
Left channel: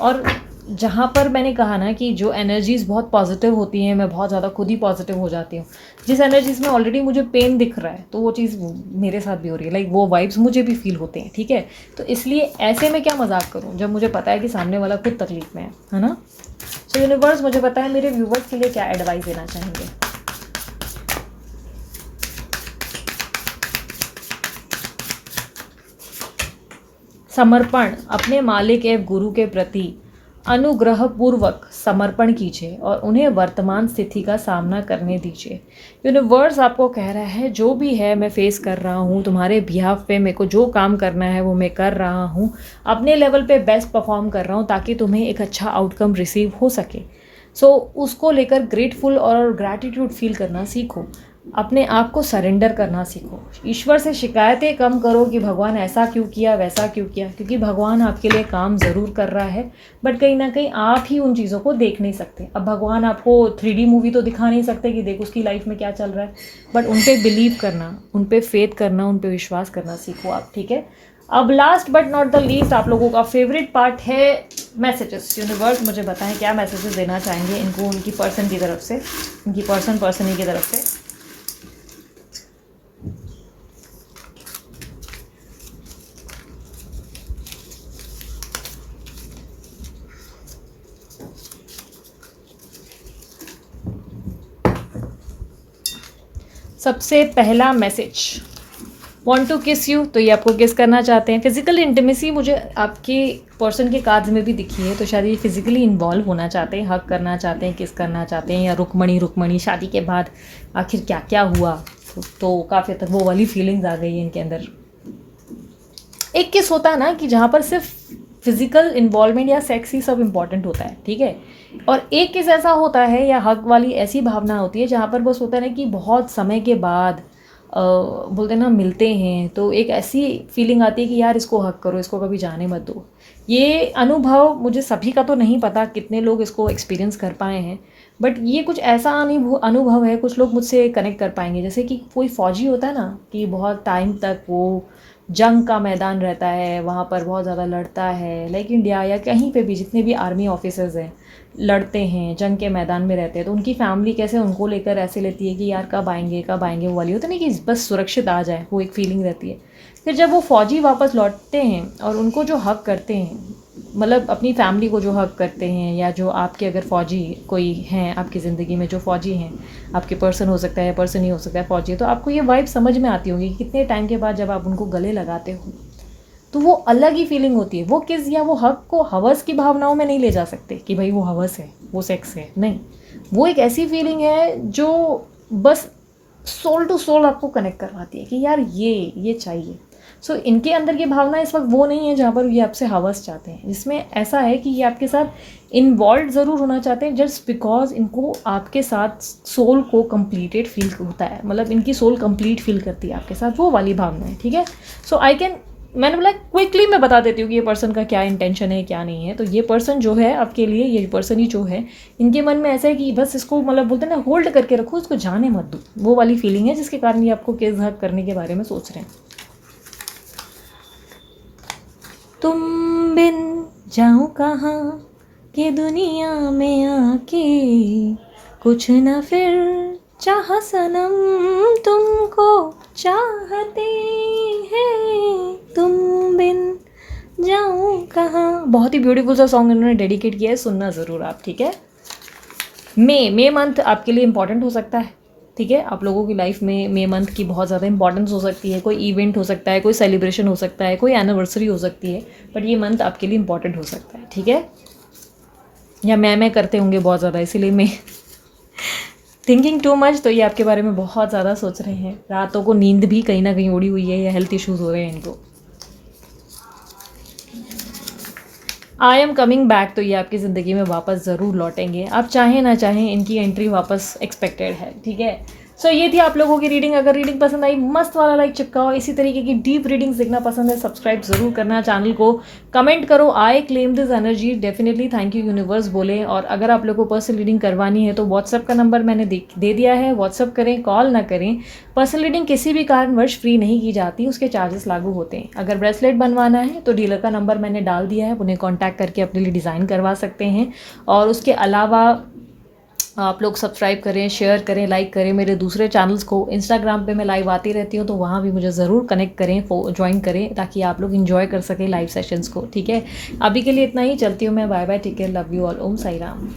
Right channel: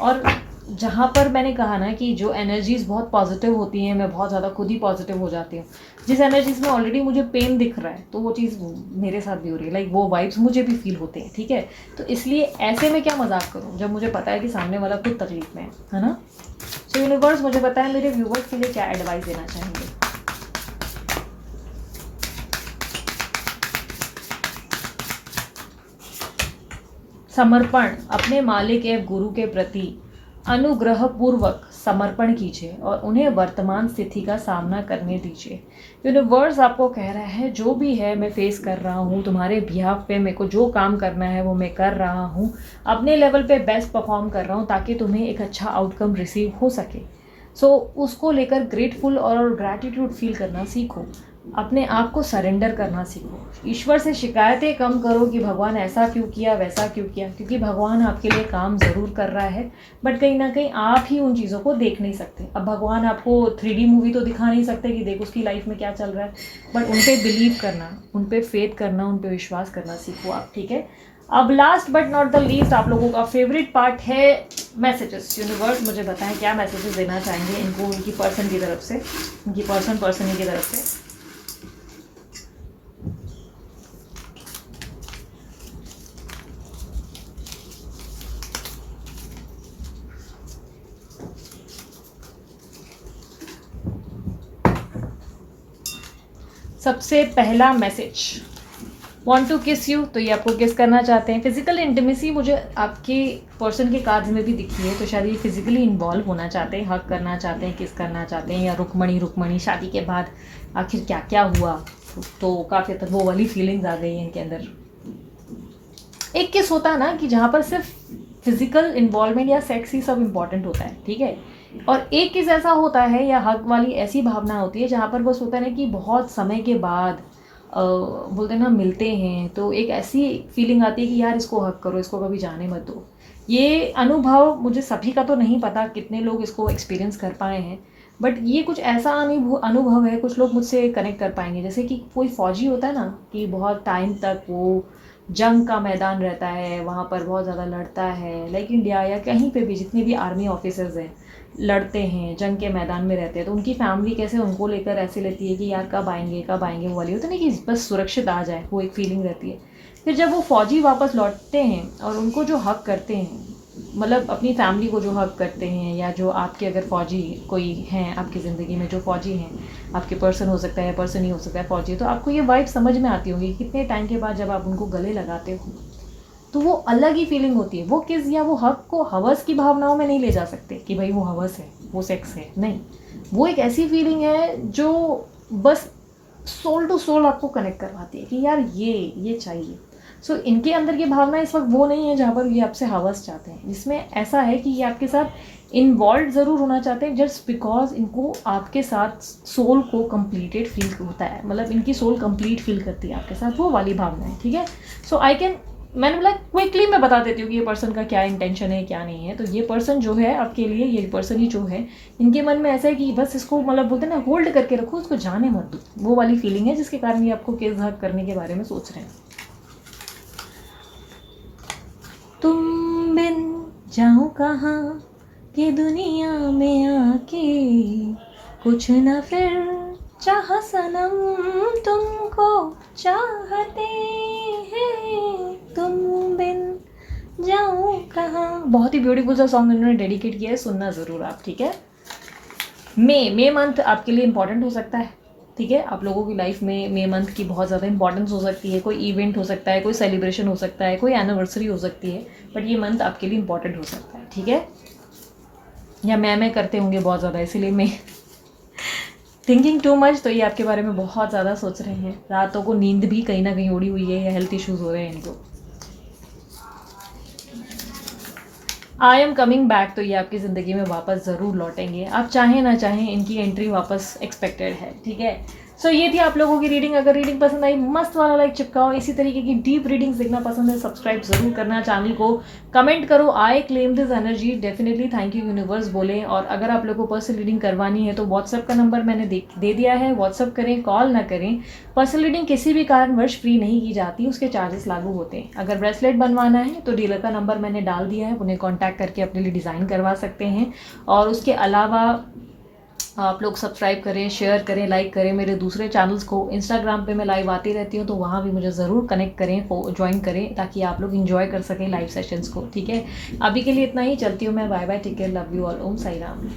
और जहाँ पर मैंने कहा ना कि जो एनर्जीज़ बहुत पॉजिटिव होती हैं, मैं बहुत ज़्यादा खुद ही पॉजिटिव हो जाती हूँ। जिस एनर्जीज़ में ऑलरेडी मुझे पेन दिख रहा है, तो वो चीज़ मेरे साथ भी हो रही है, लाइक वो वाइब्स मुझे भी फील होते हैं, ठीक है। तो इसलिए ऐसे में क्या मजाक करूँ जब मुझे पता है कि सामने वाला खुद तकलीफ में है ना। सो यूनिवर्स मुझे पता है मेरे व्यूवर्स के लिए क्या एडवाइस देना चाहेंगे। समर्पण, अपने मालिक एवं गुरु के प्रति अनुग्रह पूर्वक समर्पण कीजिए और उन्हें वर्तमान स्थिति का सामना करने दीजिए। यूनिवर्स आपको कह रहा है जो भी है मैं फेस कर रहा हूँ, तुम्हारे बिहाफ पे मेरे को जो काम करना है वो मैं कर रहा हूँ, अपने लेवल पे बेस्ट परफॉर्म कर रहा हूँ ताकि तुम्हें एक अच्छा आउटकम रिसीव हो सके। सो उसको लेकर ग्रेटफुल और ग्रैटिट्यूड फील करना सीखो, अपने आप को सरेंडर करना सीखो। ईश्वर से शिकायतें कम करो कि भगवान ऐसा क्यों किया, वैसा क्यों किया, क्योंकि भगवान आपके लिए काम ज़रूर कर रहा है, बट कहीं ना कहीं आप ही उन चीज़ों को देख नहीं सकते। अब भगवान आपको 3D मूवी तो दिखा नहीं सकते कि देख उसकी लाइफ में क्या चल रहा है, बट उन पर बिलीव करना, उन पर फेथ करना, उन पर विश्वास करना सीखो आप, ठीक है। अब last but not the least आप लोगों का फेवरेट पार्ट है मैसेजेस। यूनिवर्स मुझे बताएं क्या मैसेजेस देना चाहेंगे इनको, उनकी पर्सन की तरफ से, उनकी पर्सन की तरफ से। सबसे पहला मैसेज, वॉन्ट टू किस यू, तो ये आपको किस करना चाहते हैं। फिजिकल इंटीमेसी मुझे आपके पर्सन के कार्ड्स में भी दिखी है, तो शायद ये फिजिकली इन्वॉल्व होना चाहते हैं, हक करना चाहते हैं, किस करना चाहते हैं, या रुकमणी शादी के बाद आखिर क्या क्या हुआ, तो काफ़ी तक वो वाली फीलिंग्स आ गई है इनके अंदर। एक किस होता है ना कि जहाँ पर सिर्फ फिजिकल इन्वॉल्वमेंट या सेक्स ही सब इम्पॉर्टेंट होता है, ठीक है। और एक किस ऐसा होता है या हक वाली ऐसी भावना होती है जहाँ पर बस होता है ना कि बहुत समय के बाद बोलते ना मिलते हैं, तो एक ऐसी फीलिंग आती है कि यार इसको हक करो, इसको कभी जाने मत दो। ये अनुभव मुझे सभी का तो नहीं पता कितने लोग इसको एक्सपीरियंस कर पाए हैं, बट ये कुछ ऐसा अनुभव है, कुछ लोग मुझसे कनेक्ट कर पाएंगे। जैसे कि कोई फौजी होता है ना कि बहुत टाइम तक वो जंग का मैदान रहता है, वहाँ पर बहुत ज़्यादा लड़ता है, लाइक इंडिया या कहीं पे भी जितने भी आर्मी ऑफिसर्स हैं लड़ते हैं, जंग के मैदान में रहते हैं, तो उनकी फैमिली कैसे उनको लेकर ऐसे लेती है कि यार कब आएंगे वो वाली होता नहीं कि बस सुरक्षित आ जाए, वो एक फीलिंग रहती है। फिर जब वो फौजी वापस लौटते हैं और उनको जो हक करते हैं, मतलब अपनी फैमिली को जो हक करते हैं, या जो आपके अगर फ़ौजी कोई हैं आपकी ज़िंदगी में, जो फ़ौजी हैं आपके पर्सन हो सकता है या पर्सन ही हो सकता है फ़ौजी, तो आपको ये वाइब समझ में आती होगी कि कितने टाइम के बाद जब आप उनको गले लगाते हो तो वो अलग ही फीलिंग होती है। वो किस या वो हक को हवस की भावनाओं में नहीं ले जा सकते कि भाई वो हवस है, वो सेक्स है, नहीं। वो एक ऐसी फीलिंग है जो बस सोल टू सोल आपको कनेक्ट करवाती है कि यार ये चाहिए। सो इनके अंदर ये भावना इस वक्त वो नहीं है जहाँ पर ये आपसे हवस चाहते हैं, जिसमें ऐसा है कि ये आपके साथ इन्वॉल्व ज़रूर होना चाहते हैं जस्ट बिकॉज इनको आपके साथ सोल को कंप्लीटेड फील होता है, मतलब इनकी सोल कंप्लीट फील करती है आपके साथ, वो वाली भावना है, ठीक है। सो मैंने बोला क्विकली मैं बता देती हूँ कि ये पर्सन का क्या इंटेंशन है क्या नहीं है। तो ये पर्सन जो है आपके लिए, ये पर्सन ही जो है, इनके मन में ऐसा है कि बस इसको मतलब बोलते हैं ना होल्ड करके रखो, उसको जाने मत दो, वो वाली फीलिंग है जिसके कारण ये आपको केस हक करने के बारे में सोच रहे हैं। तुम बिन जाऊँ कहाँ कि दुनिया में आके, कुछ न फिर चाह सनम तुमको चाहते हैं, तुम बिन जाऊँ कहाँ। बहुत ही ब्यूटीफुल सा सॉन्ग इन्होंने डेडिकेट किया है, सुनना ज़रूर आप, ठीक है। मे मंथ आपके लिए इम्पॉर्टेंट हो सकता है, ठीक है। आप लोगों की लाइफ में मे मंथ की बहुत ज़्यादा इंपॉर्टेंस हो सकती है, कोई इवेंट हो सकता है, कोई सेलिब्रेशन हो सकता है, कोई एनिवर्सरी हो सकती है, बट ये मंथ आपके लिए इंपॉर्टेंट हो सकता है, ठीक है। या मैं करते होंगे बहुत ज़्यादा, इसीलिए मैं थिंकिंग टू मच, तो ये आपके बारे में बहुत ज़्यादा सोच रहे हैं, रातों को नींद भी कहीं ना कहीं उड़ी हुई है, या हेल्थ इश्यूज़ हो रहे हैं इनको। आई एम कमिंग बैक, तो ये आपकी ज़िंदगी में वापस ज़रूर लौटेंगे, आप चाहें ना चाहें इनकी एंट्री वापस एक्सपेक्टेड है, ठीक है। सो ये थी आप लोगों की रीडिंग। अगर रीडिंग पसंद आई मस्त वाला लाइक चिपकाओ। इसी तरीके की डीप रीडिंग्स देखना पसंद है सब्सक्राइब जरूर करना चैनल को। कमेंट करो I claim this energy, definitely thank you universe बोले। और अगर आप लोगों को पर्सनल रीडिंग करवानी है तो व्हाट्सअप का नंबर मैंने दे दिया है, व्हाट्सअप करें, कॉल ना करें। पर्सनल रीडिंग किसी भी कारणवश फ्री नहीं की जाती, उसके चार्जेस लागू होते हैं। अगर ब्रेसलेट बनवाना है तो डीलर का नंबर मैंने डाल दिया है, उन्हें कॉन्टैक्ट करके अपने लिए डिज़ाइन करवा सकते हैं। और उसके अलावा आप लोग सब्सक्राइब करें, शेयर करें, लाइक करें मेरे दूसरे चैनल्स को। इंस्टाग्राम पे मैं लाइव आती रहती हूँ तो वहाँ भी मुझे ज़रूर कनेक्ट करें, ज्वाइन करें, ताकि आप लोग इन्जॉय कर सकें लाइव सेशंस को। ठीक है, अभी के लिए इतना ही, चलती हूँ मैं। Bye bye, take care, love you all, Om Sai Ram.